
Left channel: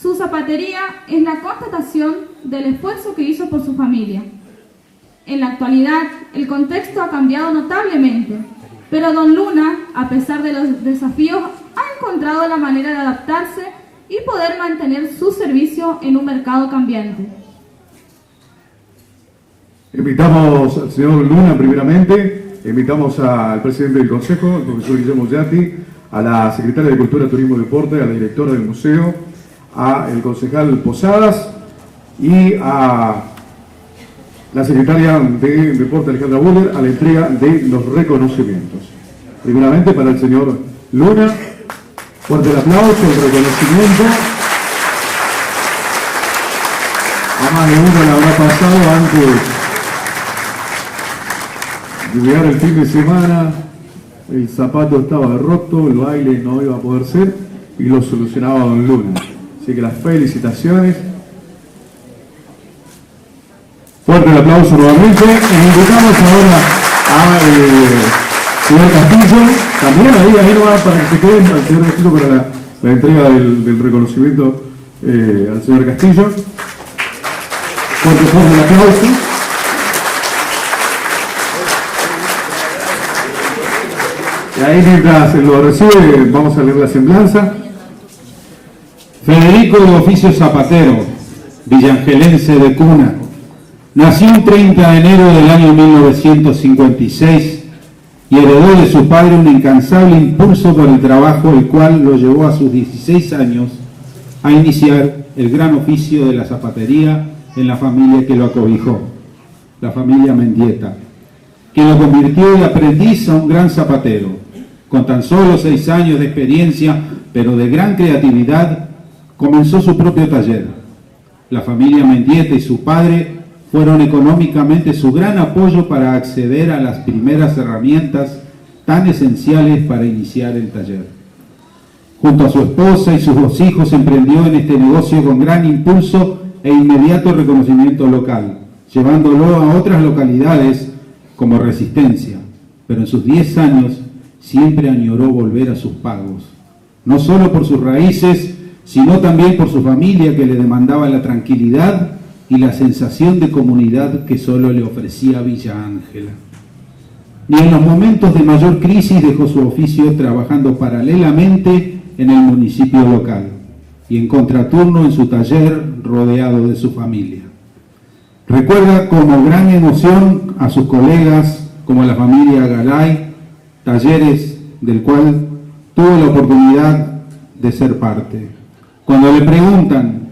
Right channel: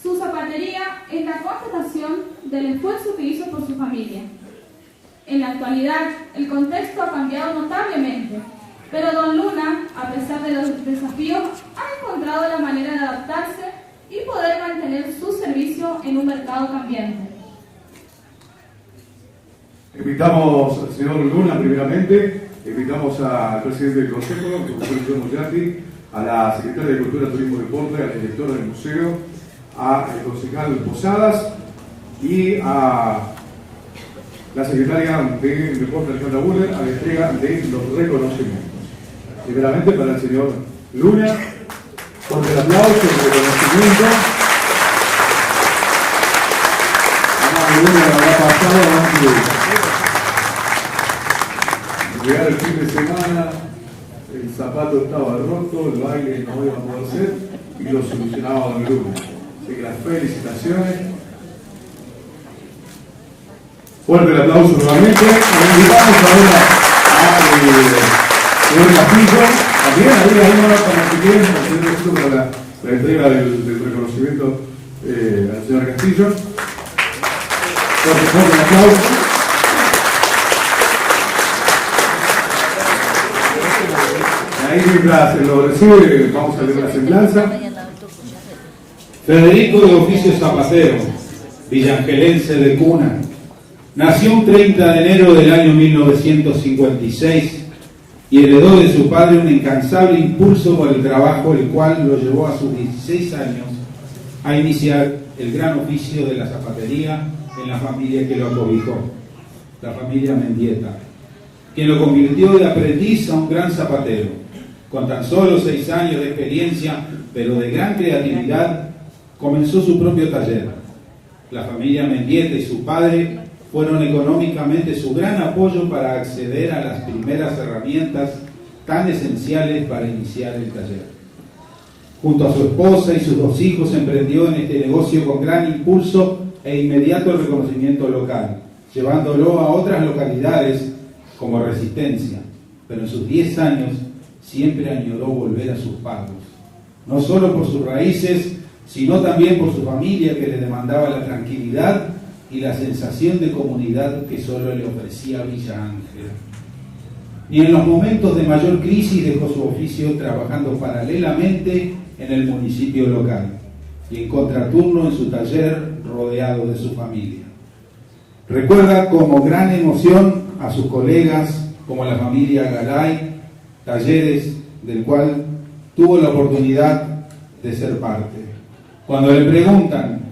Su zapatería es la constatación del esfuerzo que hizo por su familia. En la actualidad, el contexto ha cambiado notablemente, pero don Luna, a pesar de los desafíos, ha encontrado la manera de adaptarse y poder mantener su servicio en un mercado cambiante. Invitamos al señor Luna primeramente, invitamos al presidente del Consejo, el profesor Guillermo Yatti, a la secretaria de Cultura, Turismo y Deporte, a la directora del museo, al concejal Posadas y a la secretaria de Deporte, Alejandra Buller, a la entrega de los reconocimientos. Primeramente para el señor Luna, fuerte el aplauso, el reconocimiento. A más de uno le habrá pasado antes de llegar el fin de semana, el zapato estaba roto, el baile no iba a poder ser y lo solucionaba don Luna. Así que las felicitaciones. Fuerte el aplauso nuevamente. Nos invitamos ahora al señor Castillo. También ahí va para que queden al señor Castillo para la entrega del reconocimiento al señor Castillo. Fuerte el aplauso. Y ahí mientras se lo recibe, vamos a leer la semblanza. Federico de oficio zapatero, villangelense de cuna, nació un 30 de enero del año 1956 y heredó de su padre un incansable impulso por el trabajo, el cual lo llevó a sus 16 años a iniciar el gran oficio de la zapatería en la familia que lo acobijó, la familia Mendieta, que lo convirtió de aprendiz a un gran zapatero. Con tan solo 6 años de experiencia, pero de gran creatividad, comenzó su propio taller. La familia Mendieta y su padre fueron económicamente su gran apoyo para acceder a las primeras herramientas tan esenciales para iniciar el taller. Junto a su esposa y sus 2 hijos emprendió en este negocio con gran impulso e inmediato reconocimiento local, llevándolo a otras localidades como Resistencia, pero en sus 10 años siempre añoró volver a sus pagos, no solo por sus raíces, sino también por su familia que le demandaba la tranquilidad y la sensación de comunidad que solo le ofrecía Villa Ángela. Ni en los momentos de mayor crisis dejó su oficio trabajando paralelamente en el municipio local y en contraturno en su taller rodeado de su familia. Recuerda como gran emoción a sus colegas como la familia Galay, talleres del cual tuvo la oportunidad de ser parte. Cuando le preguntan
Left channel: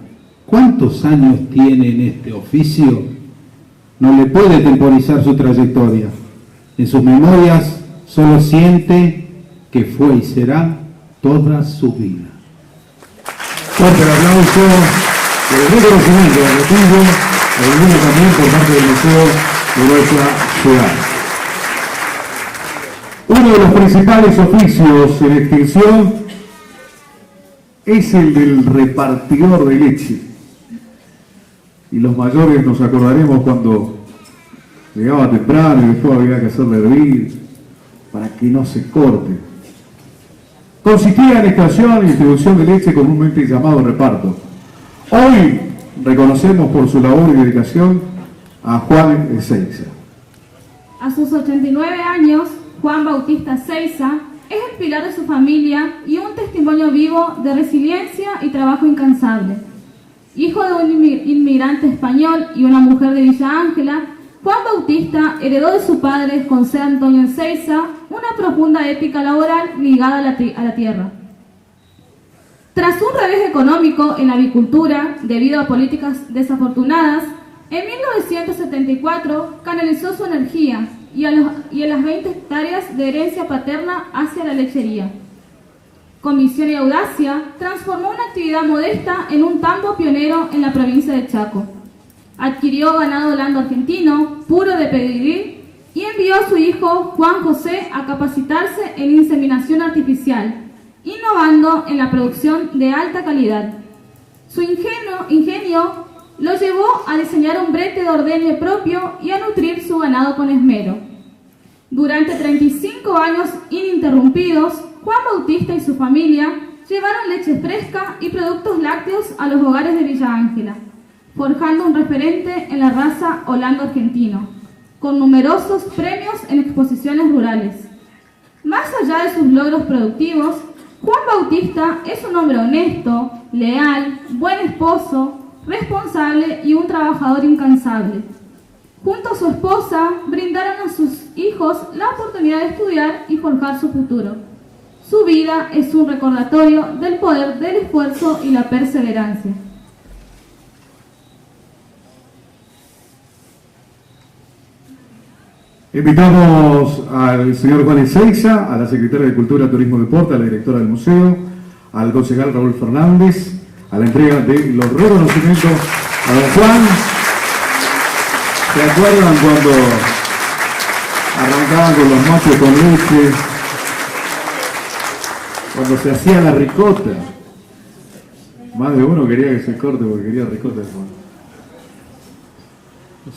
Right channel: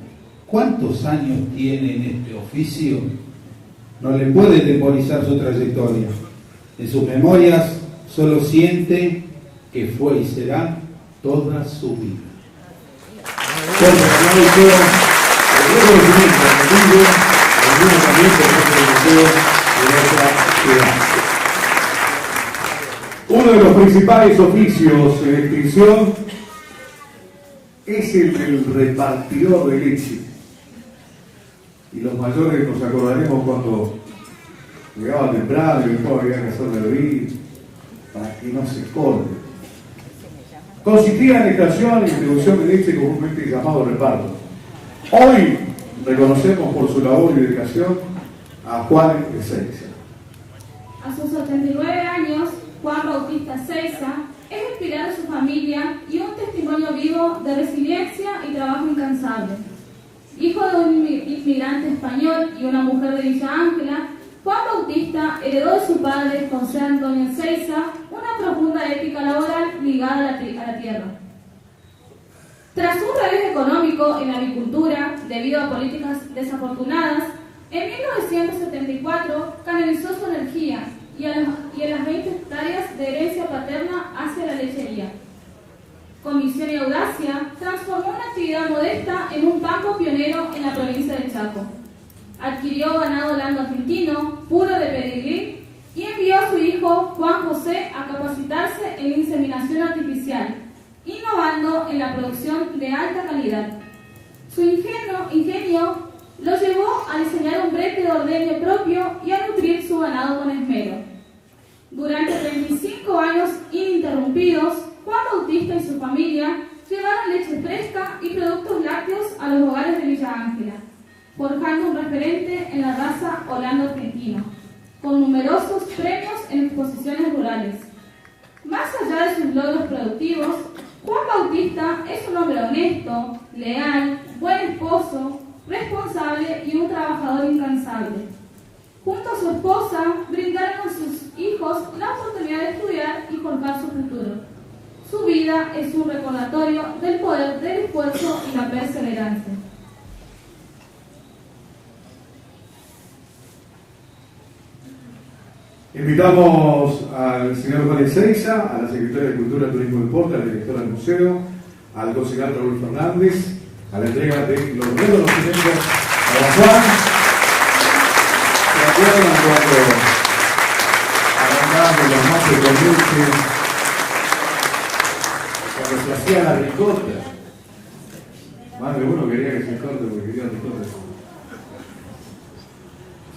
¿cuántos años tiene en este oficio?, no le puede temporizar su trayectoria. En sus memorias solo siente que fue y será toda su vida. Fuerte el aplauso del reconocimiento de Castillo, algunos también por parte del Museo de nuestra ciudad. Uno de los principales oficios en extinción es el del repartidor de leche. Y los mayores nos acordaremos cuando llegaba temprano y después había que hacerle hervir para que no se corte. Consistía en extracción y distribución de leche comúnmente llamado reparto. Hoy reconocemos por su labor y dedicación a Juan Ezeiza. A sus 89 años, Juan Bautista Ezeiza es el pilar de su familia y un testimonio vivo de resiliencia y trabajo incansable. Hijo de un inmigrante español y una mujer de Villa Ángela, Juan Bautista heredó de su padre, José Antonio Ezeiza, una profunda ética laboral ligada a la tierra. Tras un revés económico en la agricultura debido a políticas desafortunadas, en 1974 canalizó su energía y a las 20 hectáreas de herencia paterna hacia la lechería. Con visión y audacia, transformó una actividad modesta en un campo pionero en la provincia de Chaco. Adquirió ganado holando argentino, puro de pedigrí, y envió a su hijo Juan José a capacitarse en inseminación artificial, innovando en la producción de alta calidad. Su ingenio lo llevó a diseñar un brete de ordeñe propio y a nutrir su ganado con esmero. Durante 35 años ininterrumpidos, Juan Bautista y su familia llevaron leche fresca y productos lácteos a los hogares de Villa Ángela, forjando un referente en la raza holando-argentino, con numerosos premios en exposiciones rurales. Más allá de sus logros productivos, Juan Bautista es un hombre honesto, leal, buen esposo, responsable y un trabajador incansable. Junto a su esposa, brindaron a sus hijos la oportunidad de estudiar y forjar su futuro. Su vida es un recordatorio del poder del esfuerzo y la perseverancia. Invitamos al señor Juan Ezeiza, a la secretaria de Cultura, Turismo y Deporte, a la directora del museo, al concejal Raúl Fernández, a la entrega de los reconocimientos a don Juan. ¿Se acuerdan cuando arrancaban con los mates con leche? Cuando se hacía la ricota. Más de uno quería que se corte porque quería ricota.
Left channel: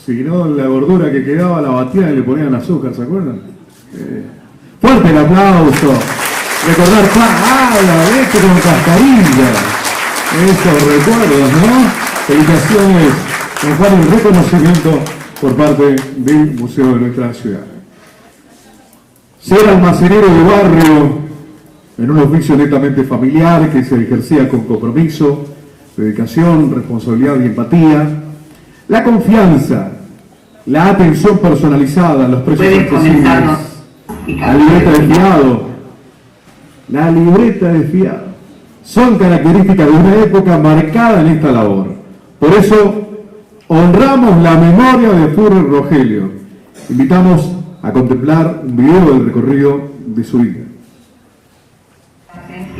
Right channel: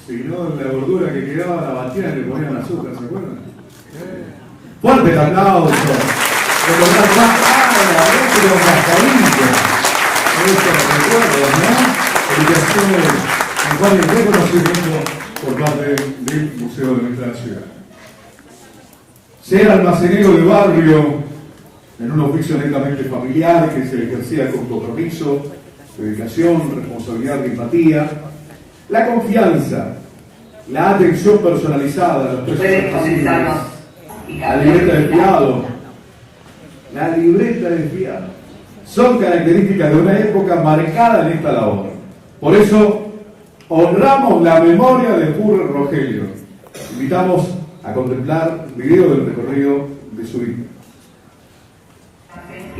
Si no, la gordura que quedaba la batían y le ponían azúcar, ¿se acuerdan? Fuerte el aplauso. Recordar la leche con cascarilla. Esos recuerdos, ¿no? Felicitaciones, don Juan, y reconocimiento por parte del Museo de nuestra ciudad. Ser almacenero de barrio en un oficio netamente familiar que se ejercía con compromiso, dedicación, responsabilidad y empatía. La confianza, la atención personalizada a los precios accesibles, la libreta de fiado, son características de una época marcada en esta labor. Por eso, honramos la memoria de Furrer Rogelio. Invitamos a contemplar un video del recorrido de su vida.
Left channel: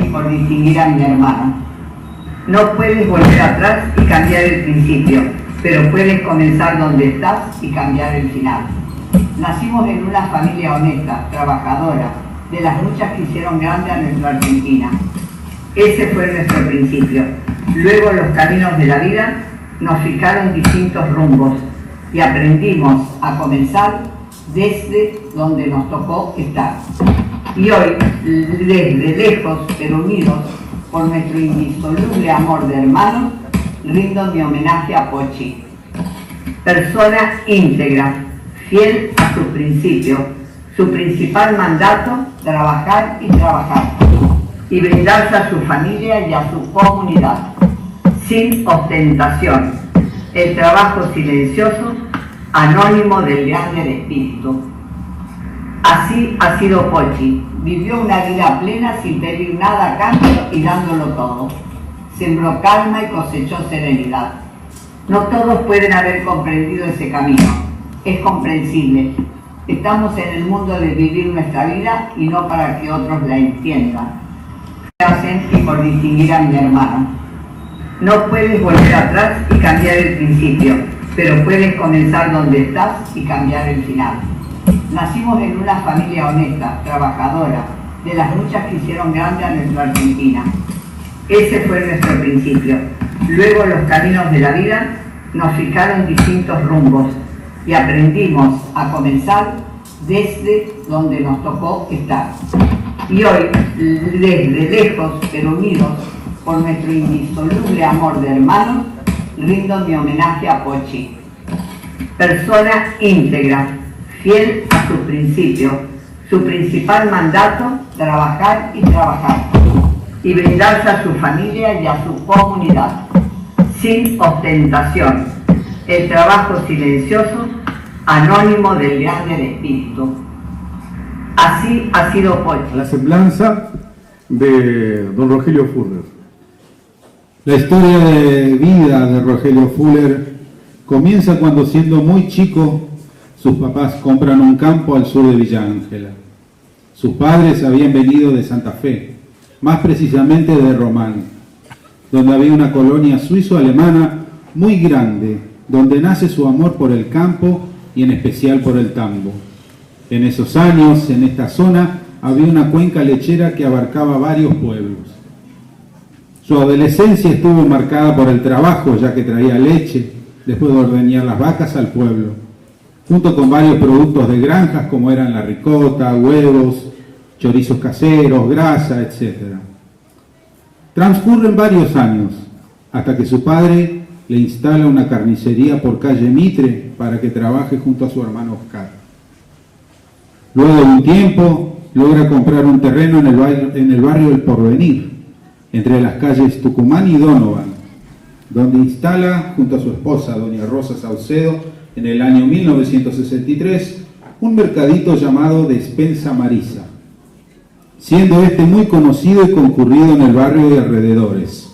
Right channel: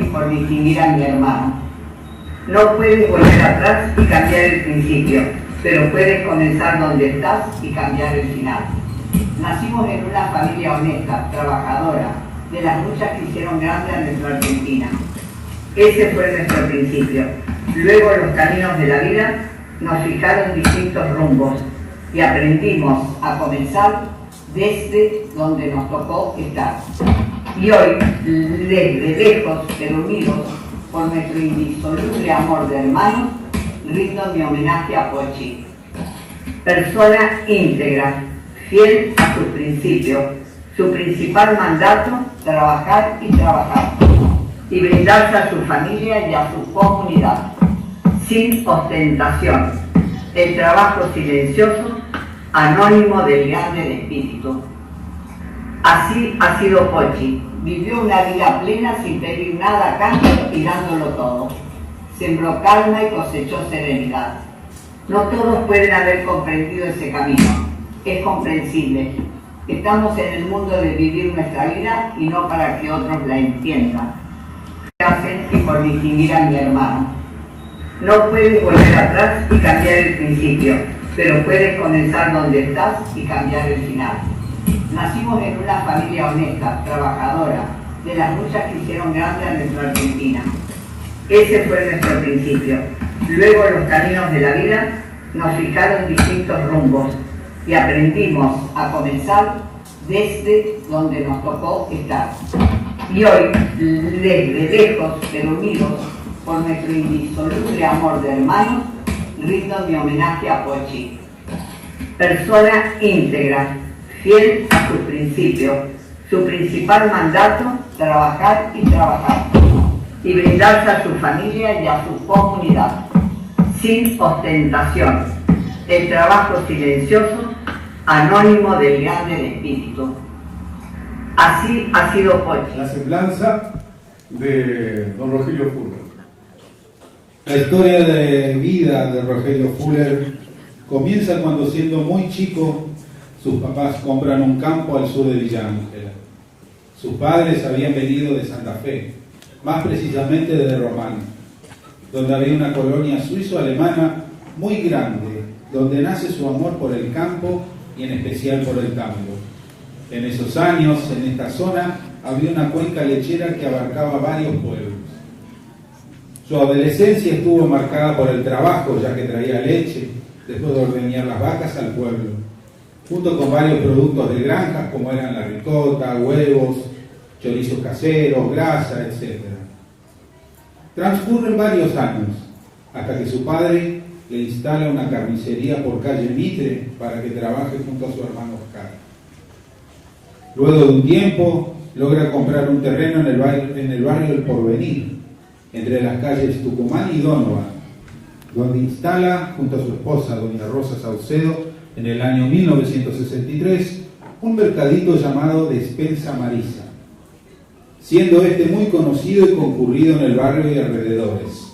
Y por distinguir a mi hermano. No puedes volver atrás y cambiar el principio, pero puedes comenzar donde estás y cambiar el final. Nacimos en una familia honesta, trabajadora, de las luchas que hicieron grande a nuestra Argentina. Ese fue nuestro principio. Luego los caminos de la vida nos fijaron distintos rumbos y aprendimos a comenzar desde donde nos tocó estar. Y hoy, desde lejos pero unidos por nuestro indisoluble amor de hermanos, rindo mi homenaje a Pochi. Persona íntegra, fiel a sus principios, su principal mandato, trabajar y trabajar, y brindarse a su familia y a su comunidad, sin ostentación, el trabajo silencioso, anónimo del grande del espíritu. Así ha sido Pochi, vivió una vida plena sin pedir nada a cambio y dándolo todo. Sembró calma y cosechó serenidad. No todos pueden haber comprendido ese camino, es comprensible. Estamos en el mundo de vivir nuestra vida y no para que otros la entiendan. Hacen y por distinguir a mi hermano. No puedes volver atrás y cambiar el principio, pero puedes comenzar donde estás y cambiar el final. Nacimos en una familia honesta, trabajadora, de las luchas que hicieron grande a nuestra Argentina. Ese fue nuestro principio. Luego los caminos de la vida nos fijaron distintos rumbos y aprendimos a comenzar desde donde nos tocó estar. Y hoy, desde lejos pero unidos por nuestro indisoluble amor de hermanos, rindo mi homenaje a Pochi. Persona íntegra, fiel a sus principios, su principal mandato, trabajar y trabajar, y brindarse a su familia y a su comunidad, sin ostentación, el trabajo silencioso, anónimo del grande del espíritu. Así ha sido Pochi. La semblanza de don Rogelio Furrer. La historia de vida de Rogelio Furrer comienza cuando, siendo muy chico, sus papás compran un campo al sur de Villa Ángela. Sus padres habían venido de Santa Fe, más precisamente de Román, donde había una colonia suizo-alemana muy grande, donde nace su amor por el campo y en especial por el tango. En esos años, en esta zona, había una cuenca lechera que abarcaba varios pueblos. Su adolescencia estuvo marcada por el trabajo, ya que traía leche, después de ordeñar las vacas al pueblo. junto con varios productos de granjas como eran la ricota, huevos, chorizos caseros, grasa, etc. Transcurren varios años hasta que su padre le instala una carnicería por calle Mitre para que trabaje junto a su hermano Oscar. Luego de un tiempo logra comprar un terreno en el barrio del Porvenir, entre las calles Tucumán y Donovan, donde instala junto a su esposa, doña Rosa Saucedo, en el año 1963, un mercadito llamado Despensa Marisa, siendo este muy conocido y concurrido en el barrio y alrededores.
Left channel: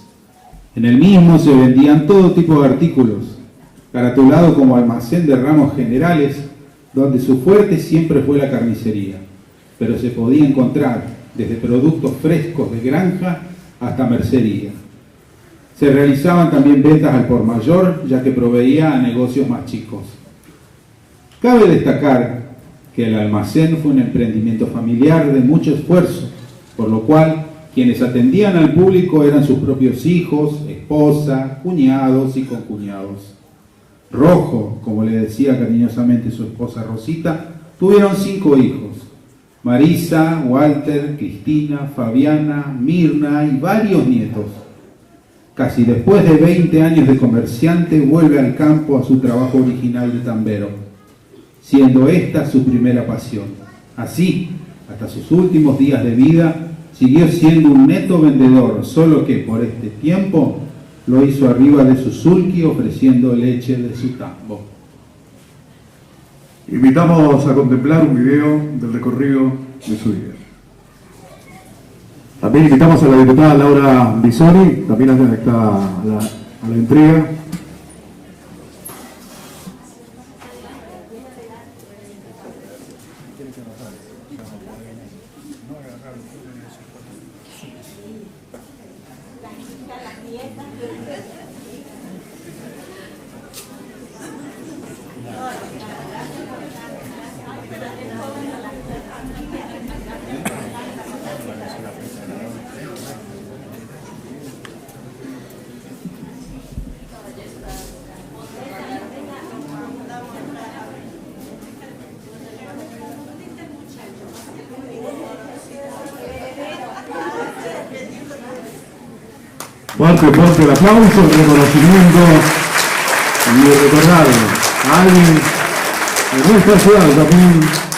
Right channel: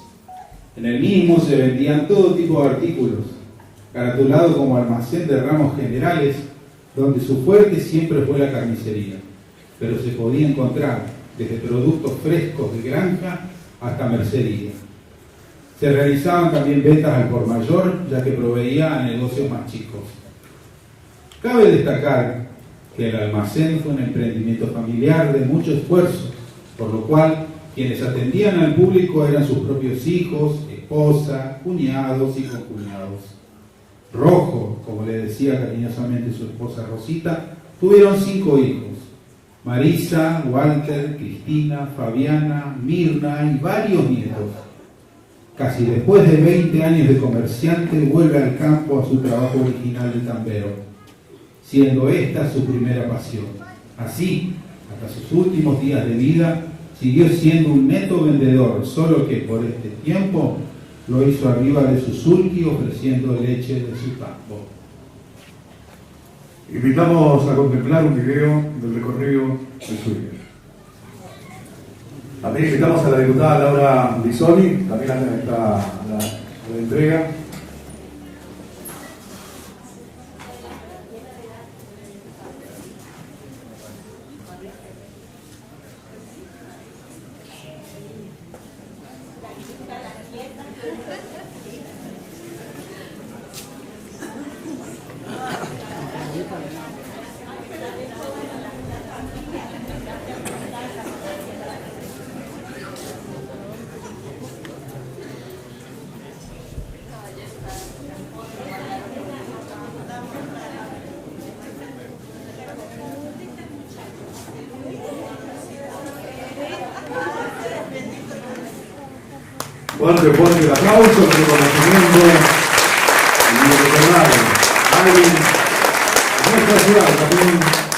En el mismo se vendían todo tipo de artículos, caratulado como almacén de ramos generales, donde su fuerte siempre fue la carnicería, pero se podía encontrar desde productos frescos de granja hasta mercería. Se realizaban también ventas al por mayor, ya que proveía a negocios más chicos. Cabe destacar que el almacén fue un emprendimiento familiar de mucho esfuerzo, por lo cual quienes atendían al público eran sus propios hijos, esposa, cuñados y concuñados. Rojo, como le decía cariñosamente su esposa Rosita, tuvieron 5 hijos: Marisa, Walter, Cristina, Fabiana, Mirna y varios nietos. Casi después de 20 años de comerciante, vuelve al campo a su trabajo original de tambero, siendo esta su primera pasión. Así, hasta sus últimos días de vida, siguió siendo un neto vendedor, solo que por este tiempo lo hizo arriba de su sulky ofreciendo leche de su tambo. Invitamos a contemplar un video del recorrido de su vida. También invitamos a la diputada Laura Bisoni, también a la entrega. Fuerte el aplauso, el reconocimiento de recordar a alguien, algún personal también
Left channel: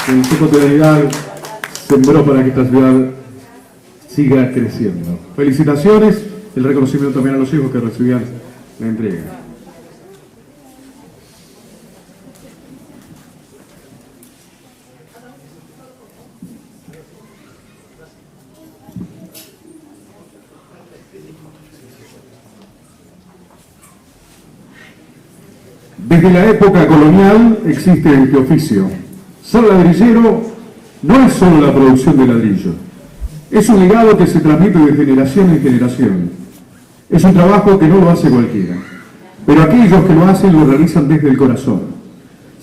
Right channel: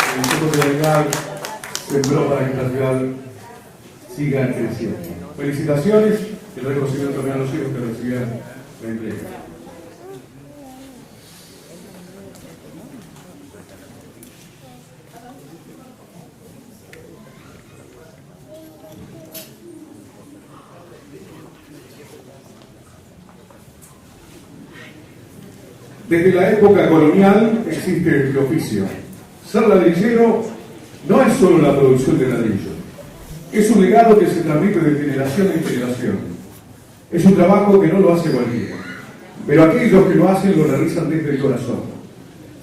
en su cotidianidad sembró para que esta ciudad siga creciendo. Felicitaciones, el reconocimiento también a los hijos que recibían la entrega. Desde la época colonial existe este oficio. Ser ladrillero no es solo la producción de ladrillo, es un legado que se transmite de generación en generación. Es un trabajo que no lo hace cualquiera, pero aquellos que lo hacen lo realizan desde el corazón.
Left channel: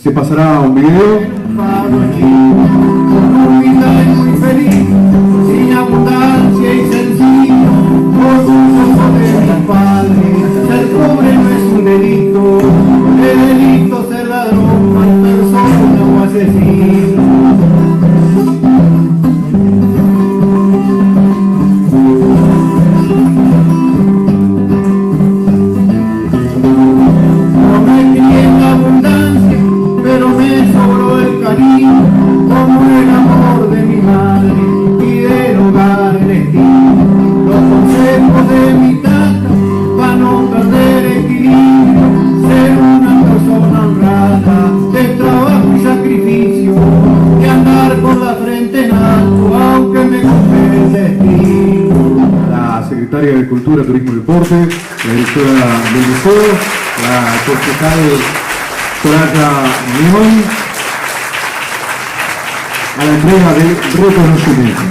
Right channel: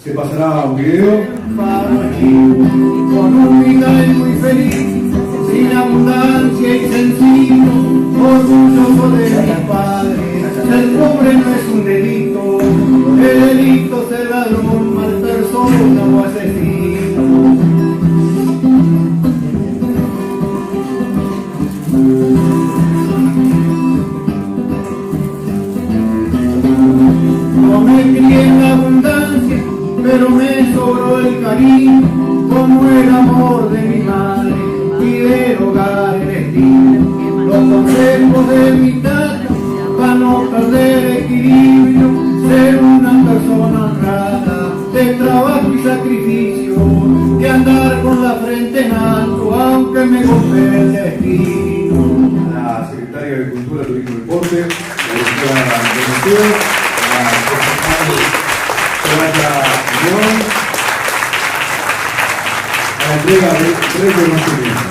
Se pasará un video. Con un final muy feliz, sin abundancia y sencillo, orgulloso de mi padre. Ser pobre no es un delito, el delito es ser ladrón, mal persona o asesino. No me crié en abundancia, pero me sobró el cariño, como el amor de mi madre y del hogar el estilo. Los consejos de mi tata para no perder equilibrio, ser una persona honrada, de trabajo y sacrificio, de andar con la frente en alto, aunque me golpee el destino. La secretaria de Cultura, Turismo y Deporte, la directora del museo, la concejal Plata León, a la entrega del reconocimiento.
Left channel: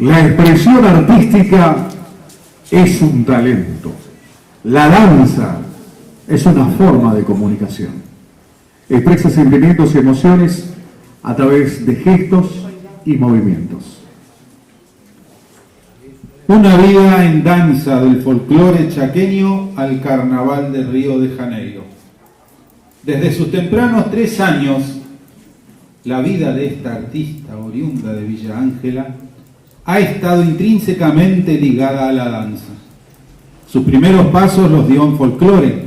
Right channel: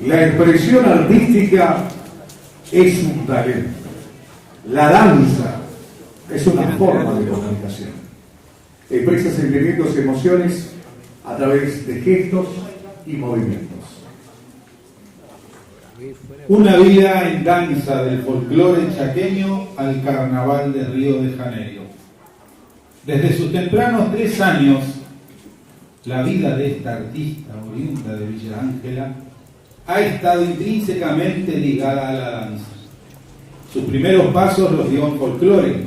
La expresión artística es un talento. La danza es una forma de comunicación. Expresa sentimientos y emociones a través de gestos y movimientos. Una vida en danza del folclore chaqueño al Carnaval de Río de Janeiro. Desde sus tempranos 3 años, la vida de esta artista oriunda de Villa Ángela ha estado intrínsecamente ligada a la danza. Sus primeros pasos los dio en folclore,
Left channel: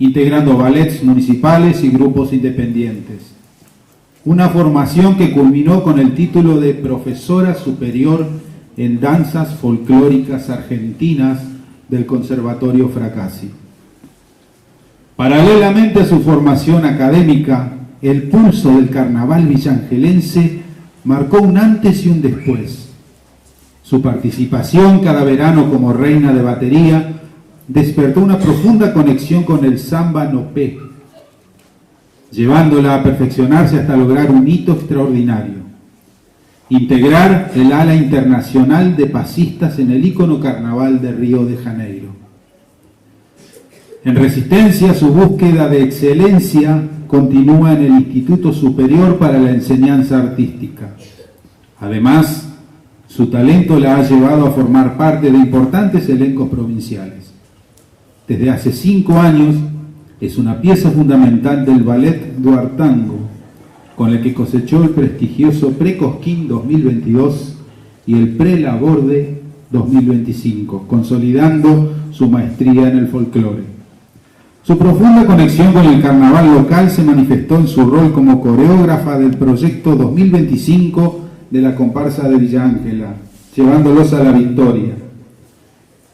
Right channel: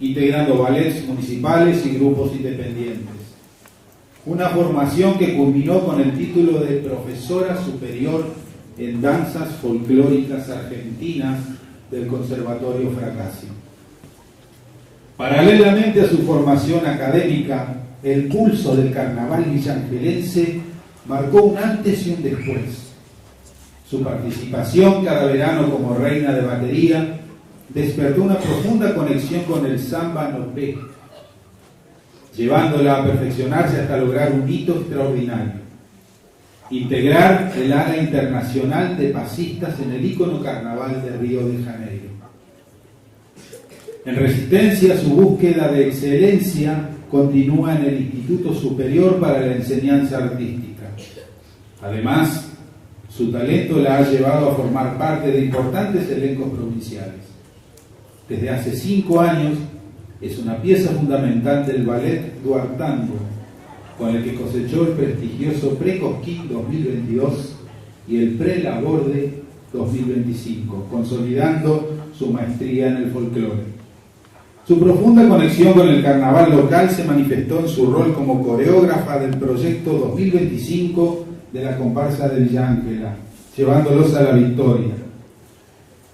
integrando ballets municipales y grupos independientes. Una formación que culminó con el título de profesora superior en danzas folclóricas argentinas del Conservatorio Fracassi. Paralelamente a su formación académica, el pulso del carnaval villangelense marcó un antes y un después. Su participación cada verano como reina de batería despertó una profunda conexión con el samba nopé, llevándola a perfeccionarse hasta lograr un hito extraordinario: integrar el ala internacional de pasistas en el ícono Carnaval de Río de Janeiro. En Resistencia, su búsqueda de excelencia continúa en el Instituto Superior para la Enseñanza Artística. Además, su talento la ha llevado a formar parte de importantes elencos provinciales. Desde hace 5 años es una pieza fundamental del Ballet Duartango, con el que cosechó el prestigioso Pre-Cosquín 2022 y el Pre-Laborde 2025, consolidando su maestría en el folclore. Su profunda conexión con el carnaval local se manifestó en su rol como coreógrafa del proyecto 2025 de la comparsa de Villa Ángela, llevándolos a la victoria.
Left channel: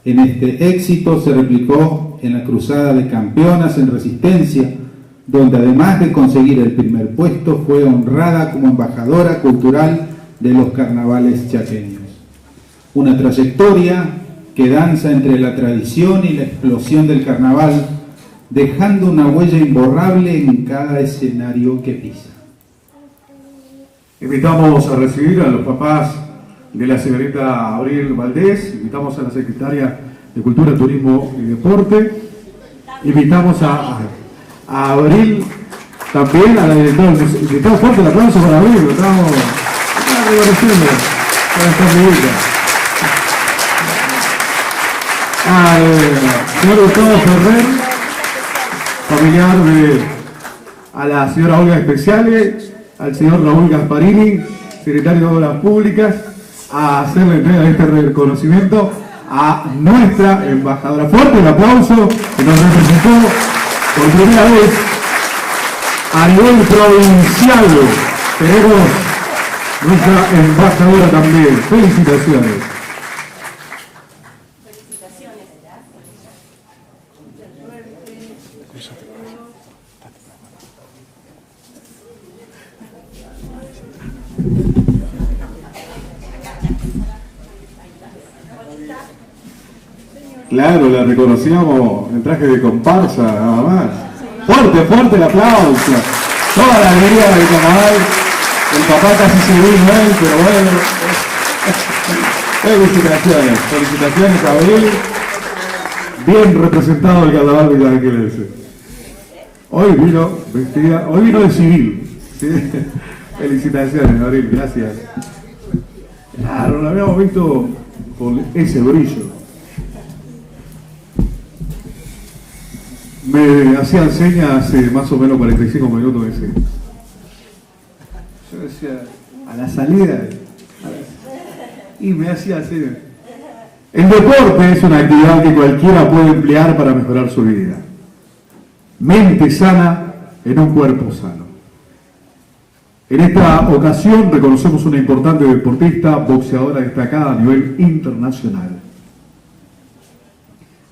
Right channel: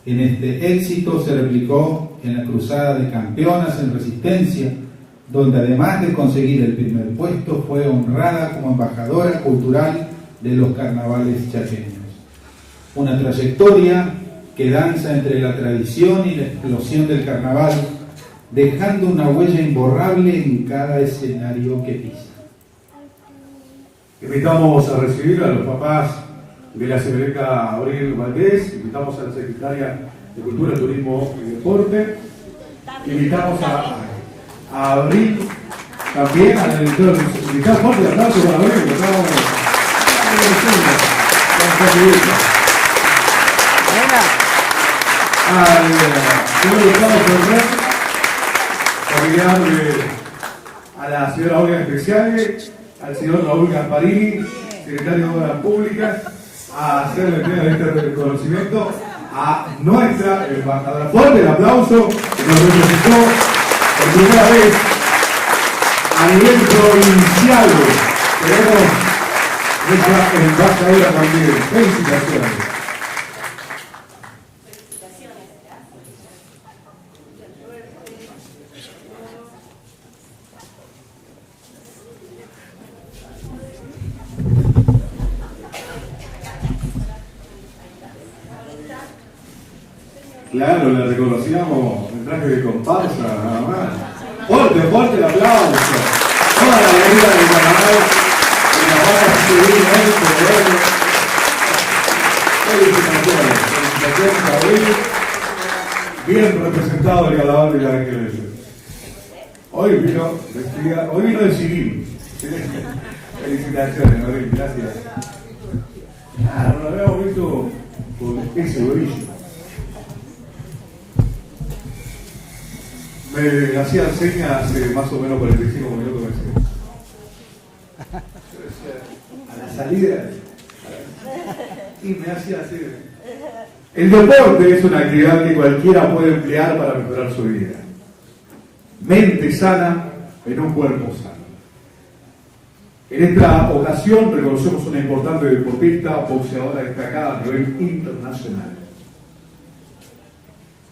En este éxito se replicó en la Cruzada de Campeonas en Resistencia, donde además de conseguir el primer puesto, fue honrada como embajadora cultural de los carnavales chaqueños. Una trayectoria que danza entre la tradición y la explosión del carnaval, dejando una huella imborrable en cada escenario que pisa. Invitamos a recibir a los papás de la señorita Abril Valdés, invitamos a la secretaria de Cultura, Turismo y Deporte, invitamos a Abril, también a la directora del museo. Fuerte el aplauso para Abril, lo estamos agradeciendo. Al señor Gustavo Ferrer, familiar a la señora Olga Especiales, al señor Raúl Gasparini, secretario de Obras Públicas, a hacerle este reconocimiento a nuestra embajadora. Fuerte el aplauso que nos representó por primera vez a nivel provincial. Tenemos nuestra embajadora también. Felicitaciones. Claro, la reconocíamos en traje de comparsa, nada más. Fuerte, fuerte el aplauso. Toda la alegría del carnaval. El papá casi se vino, pero bueno. Felicitaciones, felicitaciones a él. Bien representado el carnaval de Canaquelense. Hoy vino de civil. ¿Sí? Felicitaciones, Abril, gracias. Claro, lo habíamos visto por ese brillo. Me hacían señas hace más o menos 45 minutos ese. Yo decía, a la salida, y me hacía así. El deporte es una actividad que cualquiera puede emplear para mejorar su vida. Mente sana en un cuerpo sano. En esta ocasión reconocemos una importante deportista, boxeadora destacada a nivel internacional.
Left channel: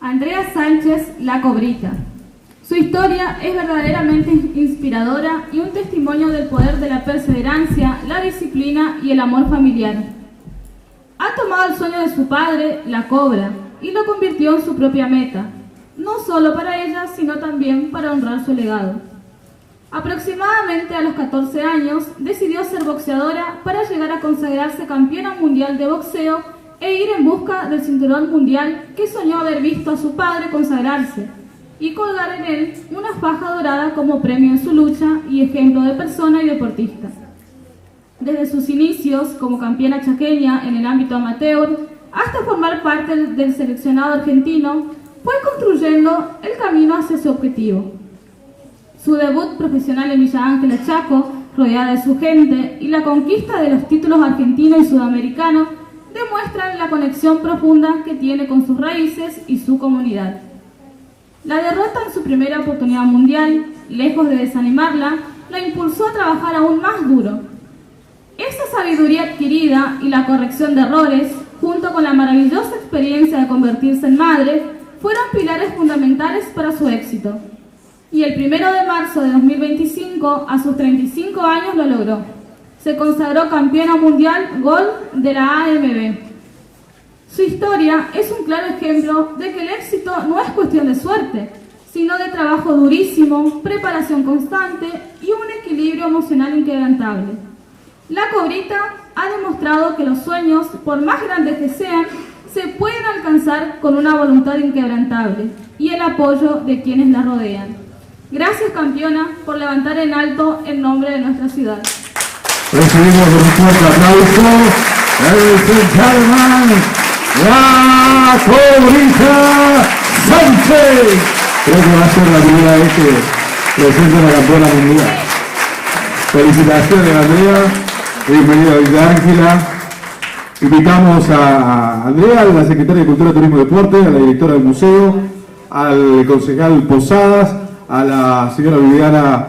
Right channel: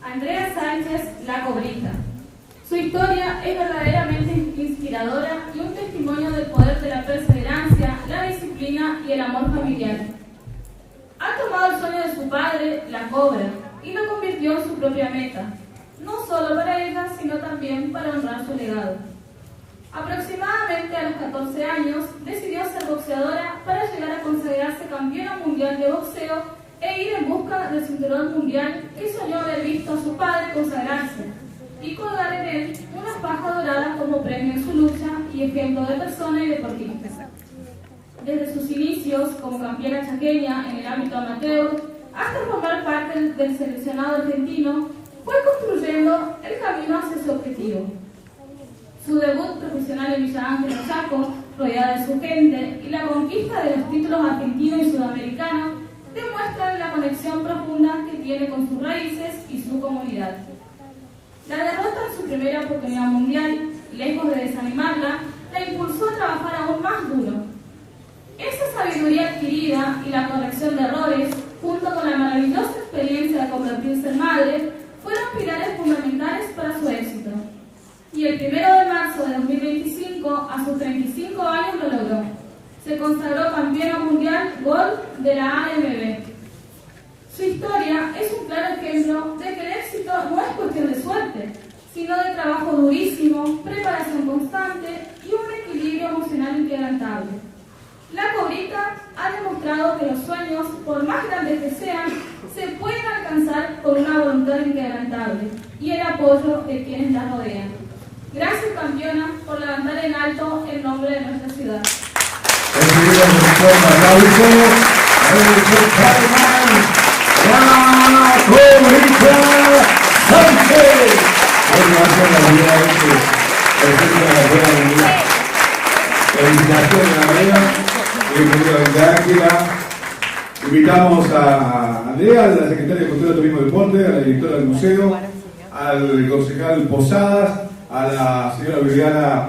Andrea Sánchez, la Cobrita. Su historia es verdaderamente inspiradora y un testimonio del poder de la perseverancia, la disciplina y el amor familiar. Ha tomado el sueño de su padre, la cobra, y lo convirtió en su propia meta, no solo para ella, sino también para honrar su legado. Aproximadamente a los 14 años decidió ser boxeadora para llegar a consagrarse campeona mundial de boxeo e ir en busca del cinturón mundial que soñó haber visto a su padre consagrarse y colgar en él una faja dorada como premio en su lucha y ejemplo de persona y deportista. Desde sus inicios como campeona chaqueña en el ámbito amateur hasta formar parte del seleccionado argentino, fue construyendo el camino hacia su objetivo. Su debut profesional en Villa Ángela, Chaco, rodeada de su gente, y la conquista de los títulos argentino y sudamericano demuestran la conexión profunda que tiene con sus raíces y su comunidad. La derrota en su primera oportunidad mundial, lejos de desanimarla, la impulsó a trabajar aún más duro. Esa sabiduría adquirida y la corrección de errores, junto con la maravillosa experiencia de convertirse en madre, fueron pilares fundamentales para su éxito. Y el 1 de marzo de 2025, a sus 35 años, lo logró. Se consagró campeona mundial Gold de la AMB. Su historia es un claro ejemplo de que el éxito no es cuestión de suerte, sino de trabajo durísimo, preparación constante y un equilibrio emocional inquebrantable. La Cobrita ha demostrado que los sueños, por más grandes que sean, se pueden alcanzar con una voluntad inquebrantable y el apoyo de quienes la rodean. Gracias, campeona, por levantar en alto el nombre de nuestra ciudad. Recibimos un fuerte aplauso. La Cobrita Sánchez. Creo que va a ser la primera vez que presenta la campeona mundial. Felicitaciones, Andrea. Bienvenida a Villa Ángela. Invitamos a Andrea, a la secretaria de Cultura, Turismo y Deporte, a la directora del museo, al concejal Posadas, a la señora Viviana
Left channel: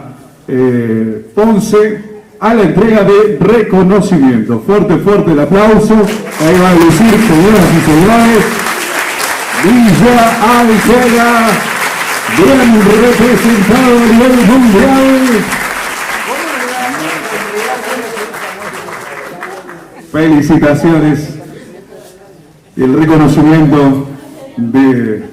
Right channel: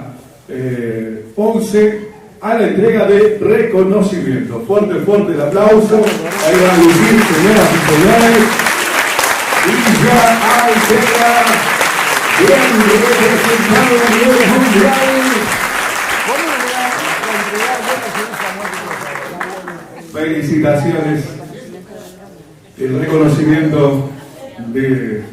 Ponce, a la entrega de reconocimiento. Fuerte, fuerte el aplauso. Ahí va a lucir, señoras y señores. Villa Ángela, bien representado a nivel mundial. Felicitaciones y el reconocimiento de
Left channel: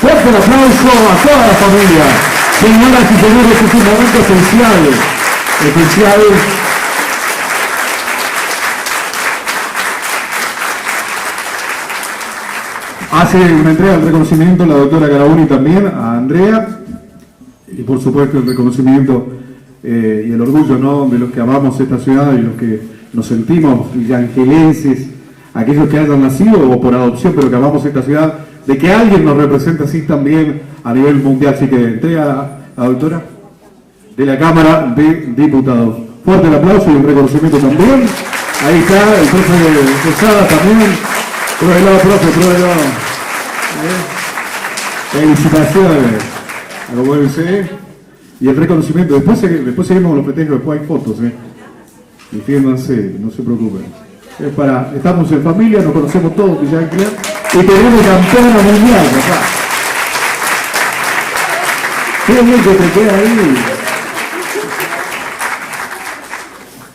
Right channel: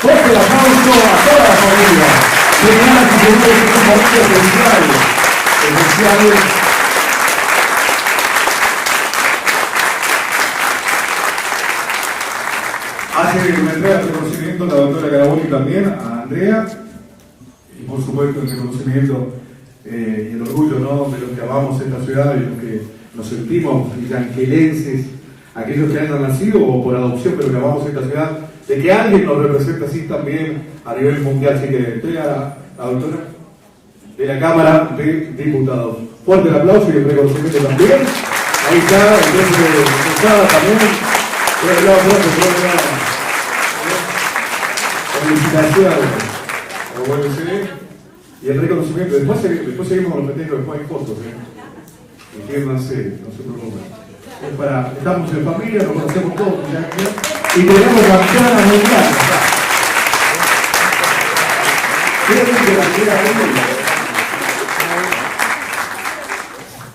fuerte el aplauso a toda la familia. Señoras y señores, es un momento especial. Hace una entrega de reconocimiento la doctora Carabuni también a Andrea, y por supuesto el reconocimiento y el orgullo, ¿no?, de los que amamos esta ciudad y los que nos sentimos villangelenses, aquellos que hayan nacido o por adopción pero que amamos esta ciudad, de que alguien nos represente así también a nivel mundial. Así que entrega a la doctora de la Cámara de Diputados. Fuerte el aplauso y el reconocimiento también. Ahí está el jefe de Posada también. Por el lado aplauso, por el lado. Felicitaciones. Lo vuelve a ser. Y el reconocimiento. Después seguimos con los festejos, después hay fotos. Entiéndanse, no se preocupen. Estamos en familia, nos conocemos todos, y tenemos campeona mundial.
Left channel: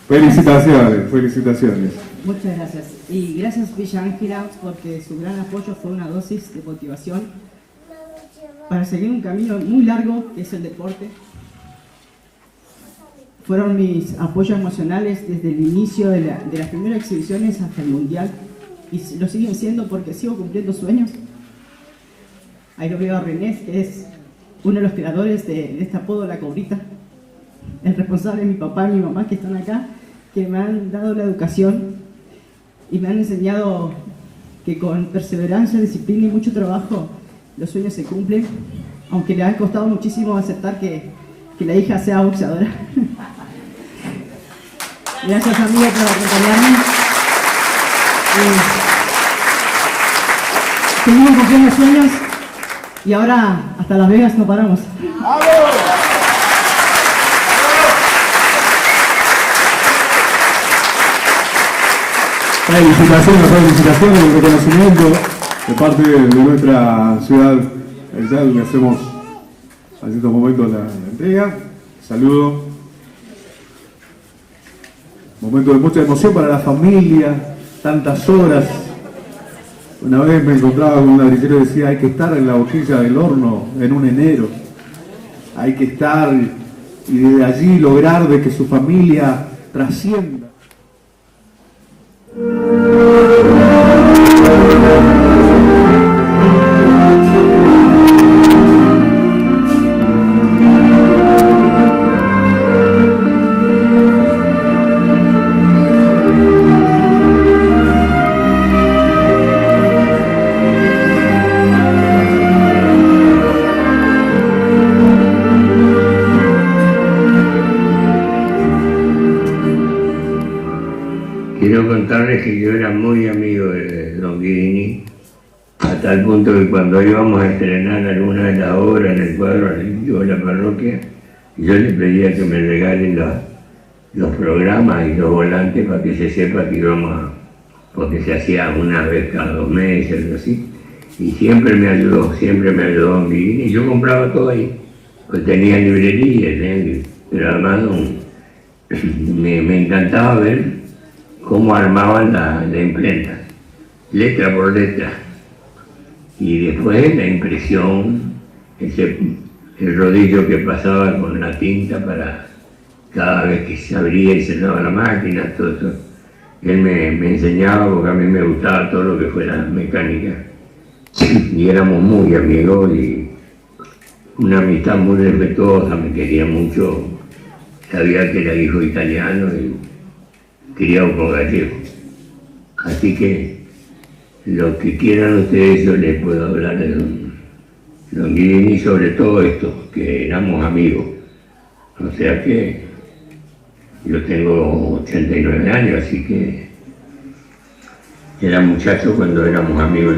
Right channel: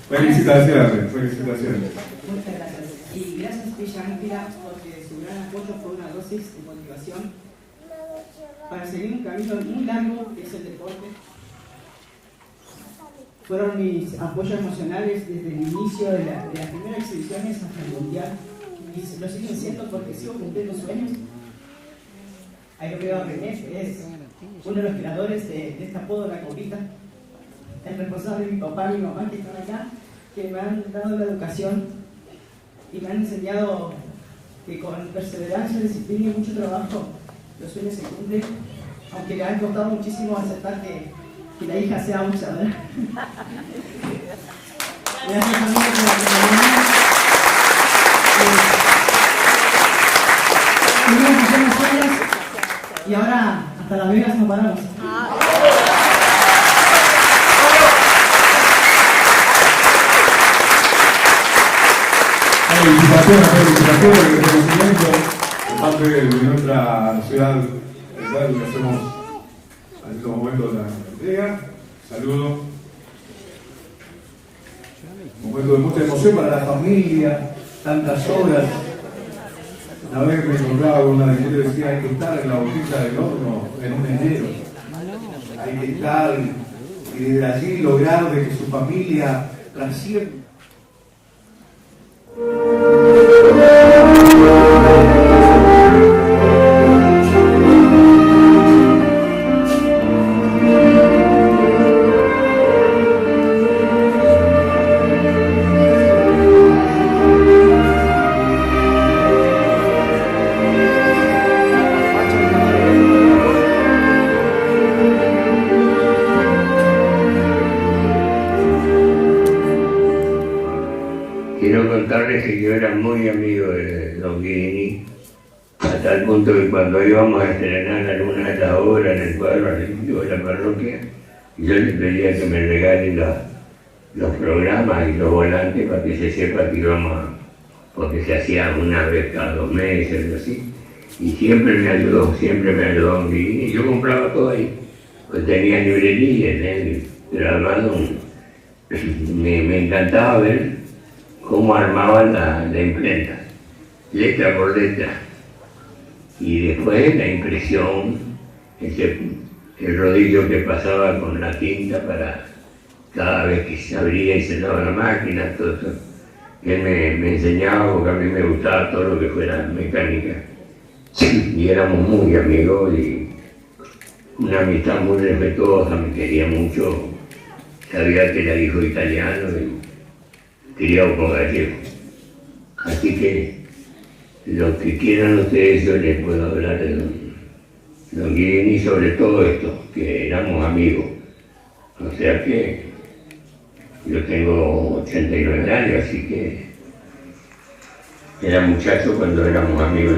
Felicitaciones, felicitaciones. Muchas gracias. Y gracias, Villa Ángela, porque su gran apoyo fue una dosis de motivación para seguir un camino muy largo que es el deporte. Fueron mis apoyos emocionales desde el inicio de las primeras exhibiciones hasta el mundial, y lo siguen siendo porque sigo cumpliendo sueños. Ahí lo veo a René, que es uno de los creadores de este apodo, La Cobrita, el responsable de mi papá y mi mamá que están acá, que me han dado la educación y me han enseñado que con perseverancia, disciplina y mucho trabajo los sueños se cumplen, aunque le ha costado muchísimo aceptar que la hija sea boxeadora. Gracias, amiga, por acompañarme. Seguimos cumpliendo sueños y ahora hasta Las Vegas no paramos. Felicitaciones y reconocimiento de parte de nuestra ciudad. Le hacemos en estos momentos la entrega. Saludo. Momento de mucha emoción para la familia, tantas horas Una vez me encontraba con un arquero y decía, hay que estar en la boquilla del horno en un enero. Hay que estar y desde allí lograr de que su familia trascienda. Quiero contarles que yo era muy amigo de Don Guirini, a tal punto que cuando íbamos a estrenar alguna de las obras en el cuadro artístico de la parroquia, yo le pedía que me regalen los programas y los volantes para que se sepa que íbamos a, porque se hacía una vez cada 2 meses, algo así, y siempre me ayudó Don Guirini, y yo compraba todo ahí, pues tenía librerías, pero además me encantaba ver cómo armaban la imprenta, letra por letra, y después la impresión, el rodillo que pasaba con la tinta para cada vez que se abría y cerraba la máquina, todo eso. Él me enseñaba porque a mí me gustaba todo lo que fuera mecánica, y éramos muy amigos y una amistad muy respetuosa, me quería mucho, sabía que era hijo italiano y criado por gallego. Así que lo que quieran ustedes yo les puedo hablar de Don Guirini sobre todo esto, que éramos amigos. O sea que yo tengo 89 años, así que era muchacho cuando éramos amigos.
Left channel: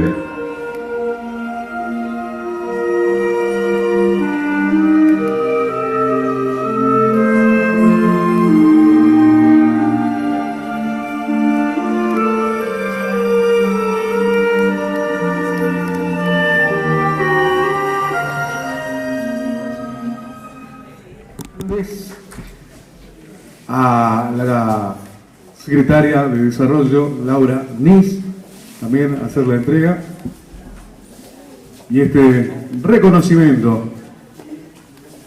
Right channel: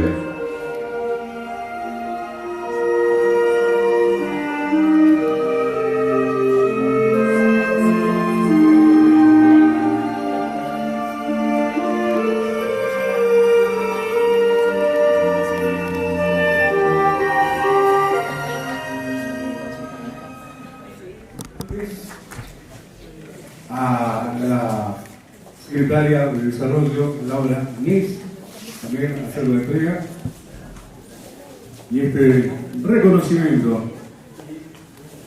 A la secretaria de Desarrollo, Laura Nis, también hacer la entrega y este reconocimiento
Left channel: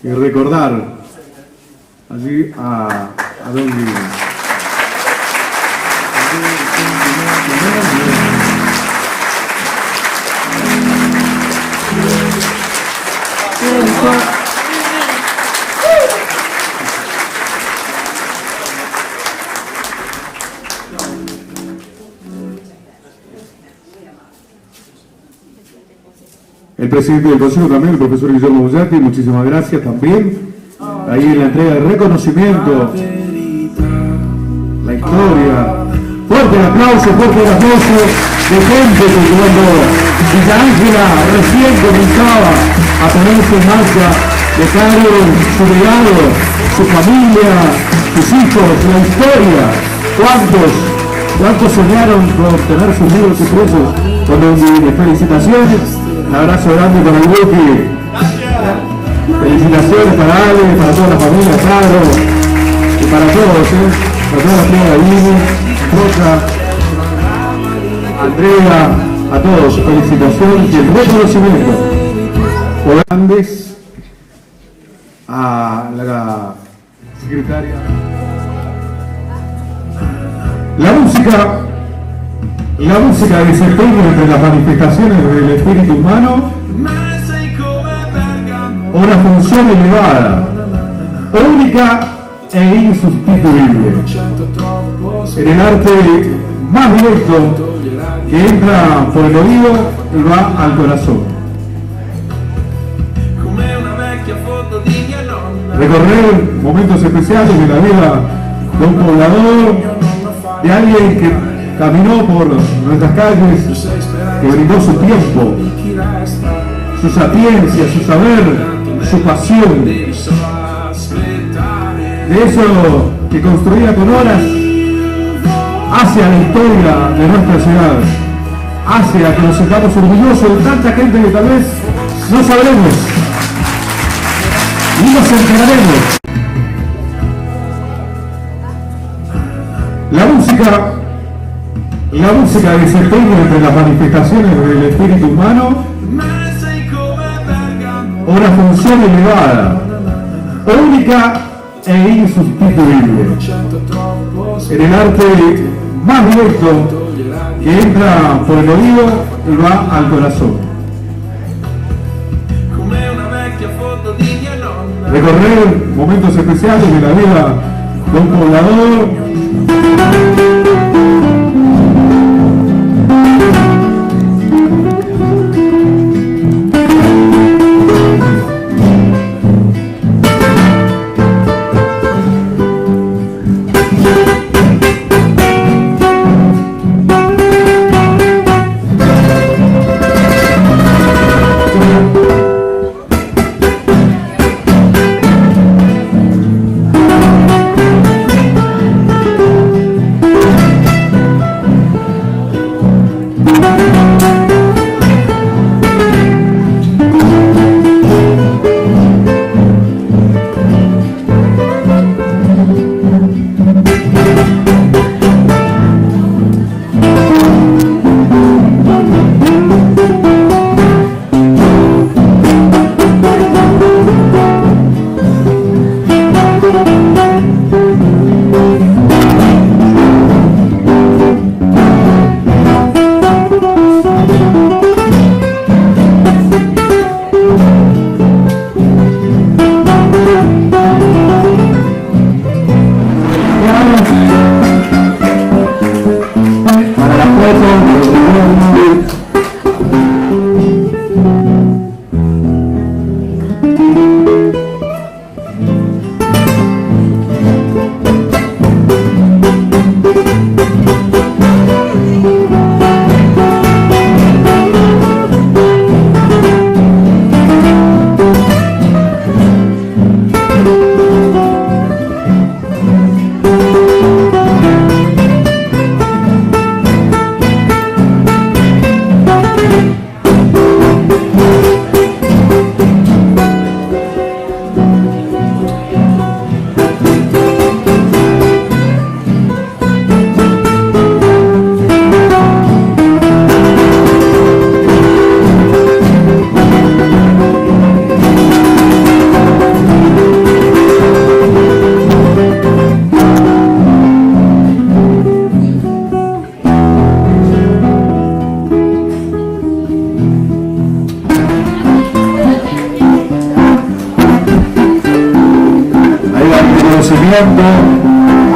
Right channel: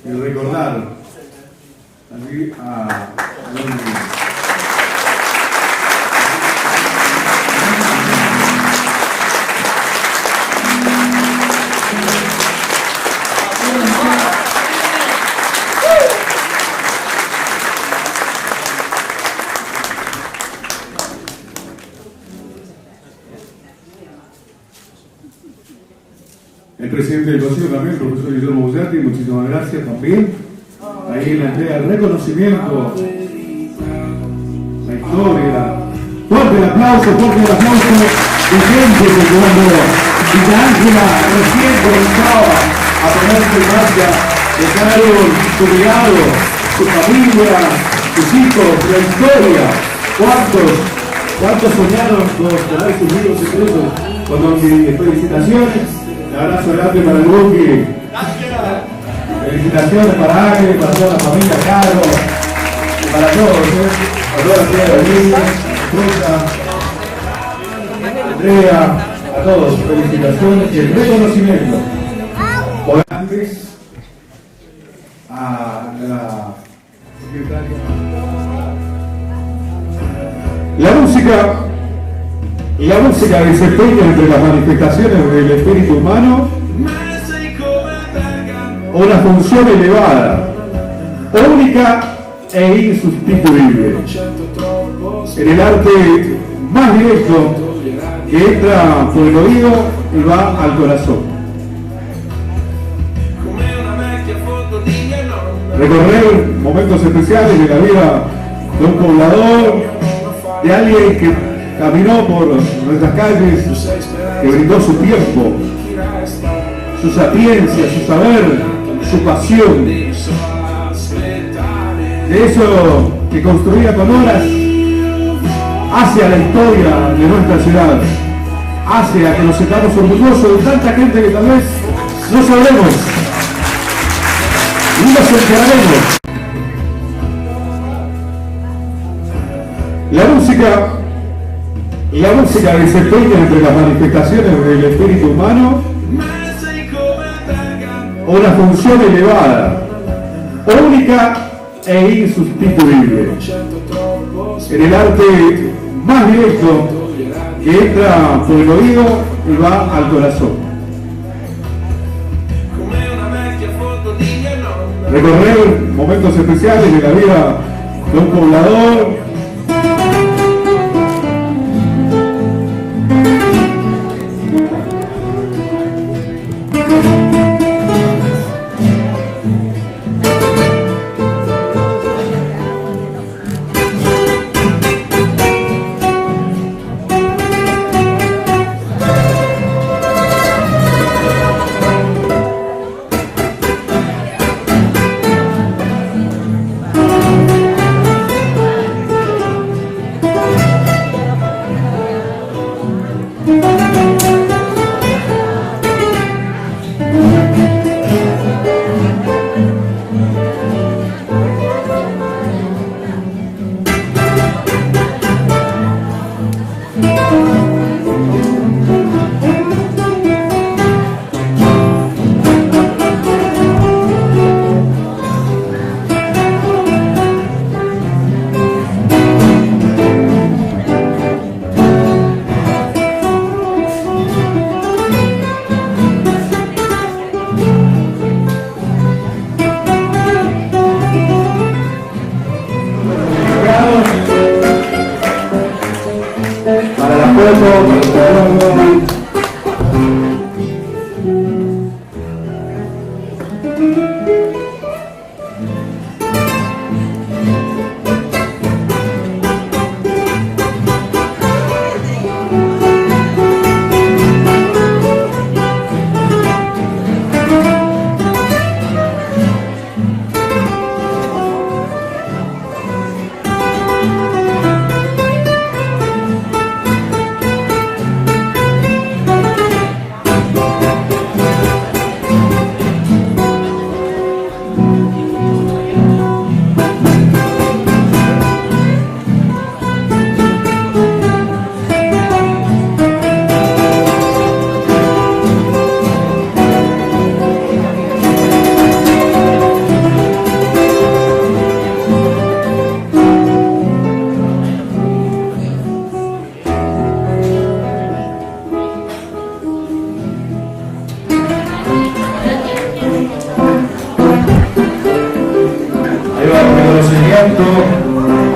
y recordar allí a Don Guirini. El presidente del Consejo también, el profesor Guillermo Bullati, muchísimas gracias también. Ahí en la entrega del reconocimiento, la historia. Fuerte el aplauso de gente que conozco. Y la Ángela recién comenzaba a ponerse en marcha, dejaron su legado, su familia, sus hijos, la historia. ¿Cuántos soñaron por tener sus libros y huesos? Con mis felicitaciones. Un abrazo grande para el grupo. Felicitaciones para Ale, para toda la familia, claro, y para todos, para toda la familia de Guirini, Andrea, a todos, felicitaciones y el reconocimiento. Grandes a la secretaria. La música desempeña entre las manifestaciones del espíritu humano una función elevada, única e insustituible. En el arte más directo que entra por el oído y va al corazón. Recorrer momentos especiales de la vida de un poblador, de alguien que caminó por nuestras calles, que brindó su tiempo, su sapiencia, su saber, su pasión. De eso que construía con horas hacia la historia de nuestra ciudad, hacia que nos sintamos orgullosos de tanta gente que tal vez no sabremos y nos enteraremos. La música desempeña entre las manifestaciones del espíritu humano una función elevada, única e insustituible. En el arte más directo que entra por el oído y va al corazón. Recorrer momentos especiales de la vida de un poblador.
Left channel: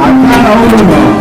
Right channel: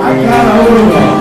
A cada uno.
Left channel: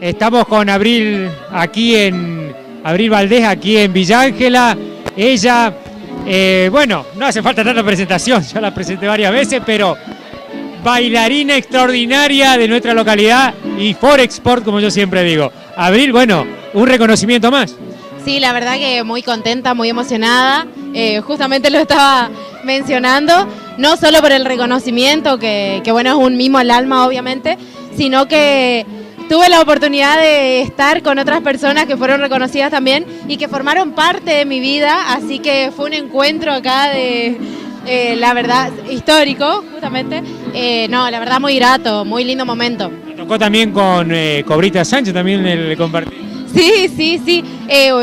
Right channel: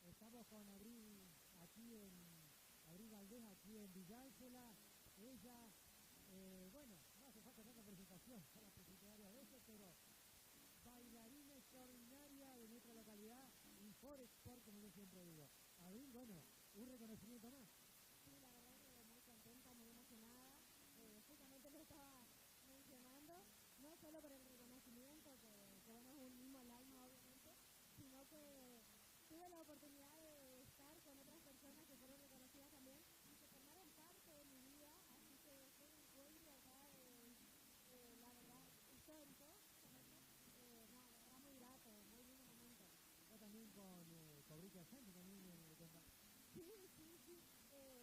Estamos con Abril Valdés, aquí en Villa Ángela. Ella, bueno, no hace falta tanta presentación, ya la presenté varias veces, pero bailarina extraordinaria de nuestra localidad y Forexport, como yo siempre digo. Abril, bueno, un reconocimiento más. Sí, la verdad que muy contenta, muy emocionada, justamente lo estaba mencionando. no solo por el reconocimiento, que bueno, es un mimo al alma obviamente, sino que tuve la oportunidad de estar con otras personas que fueron reconocidas también y que formaron parte de mi vida, así que fue un encuentro acá de, la verdad, histórico, justamente. No, la verdad muy grato, muy lindo momento. Me tocó también con Cobrita Sánchez, también el compartir. Sí.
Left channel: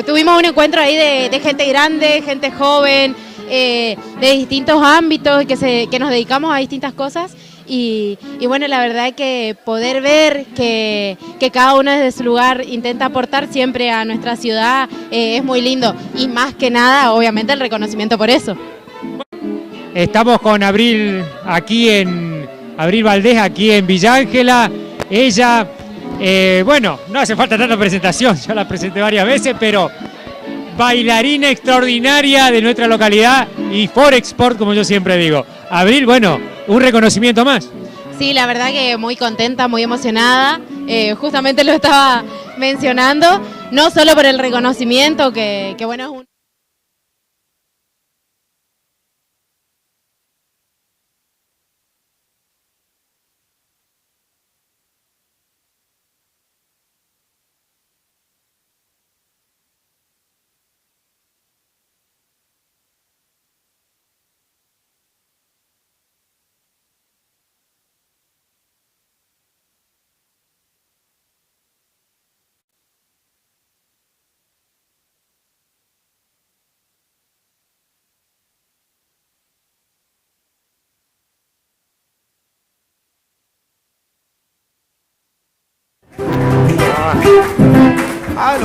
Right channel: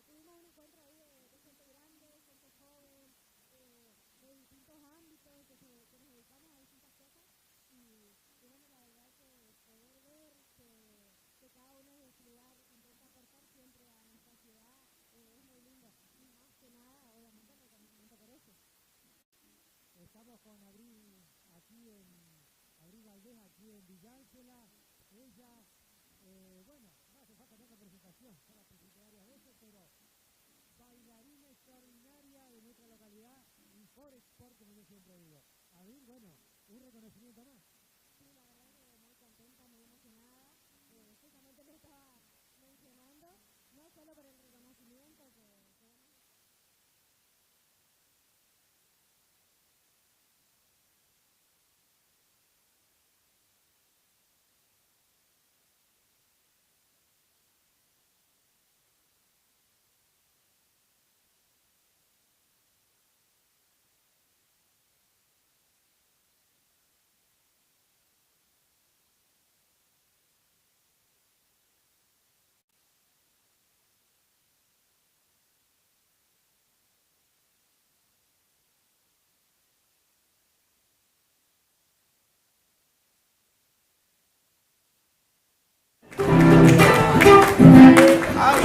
Tuvimos un encuentro ahí de gente grande, gente joven, de distintos ámbitos que nos dedicamos a distintas cosas. Y bueno, la verdad que poder ver que cada uno desde su lugar intenta aportar siempre a nuestra ciudad es muy lindo. Y más que nada, obviamente, el reconocimiento por eso. Estamos con Abril Valdés, aquí en Villa Ángela. Ella, bueno, no hace falta tanta presentación, ya la presenté varias veces, pero bailarina extraordinaria de nuestra localidad y Forexport, como yo siempre digo. Abril, bueno, un reconocimiento más. Sí, la verdad que muy contenta, muy emocionada. Justamente lo estaba mencionando, no solo por el reconocimiento, que bueno, es un... Ah,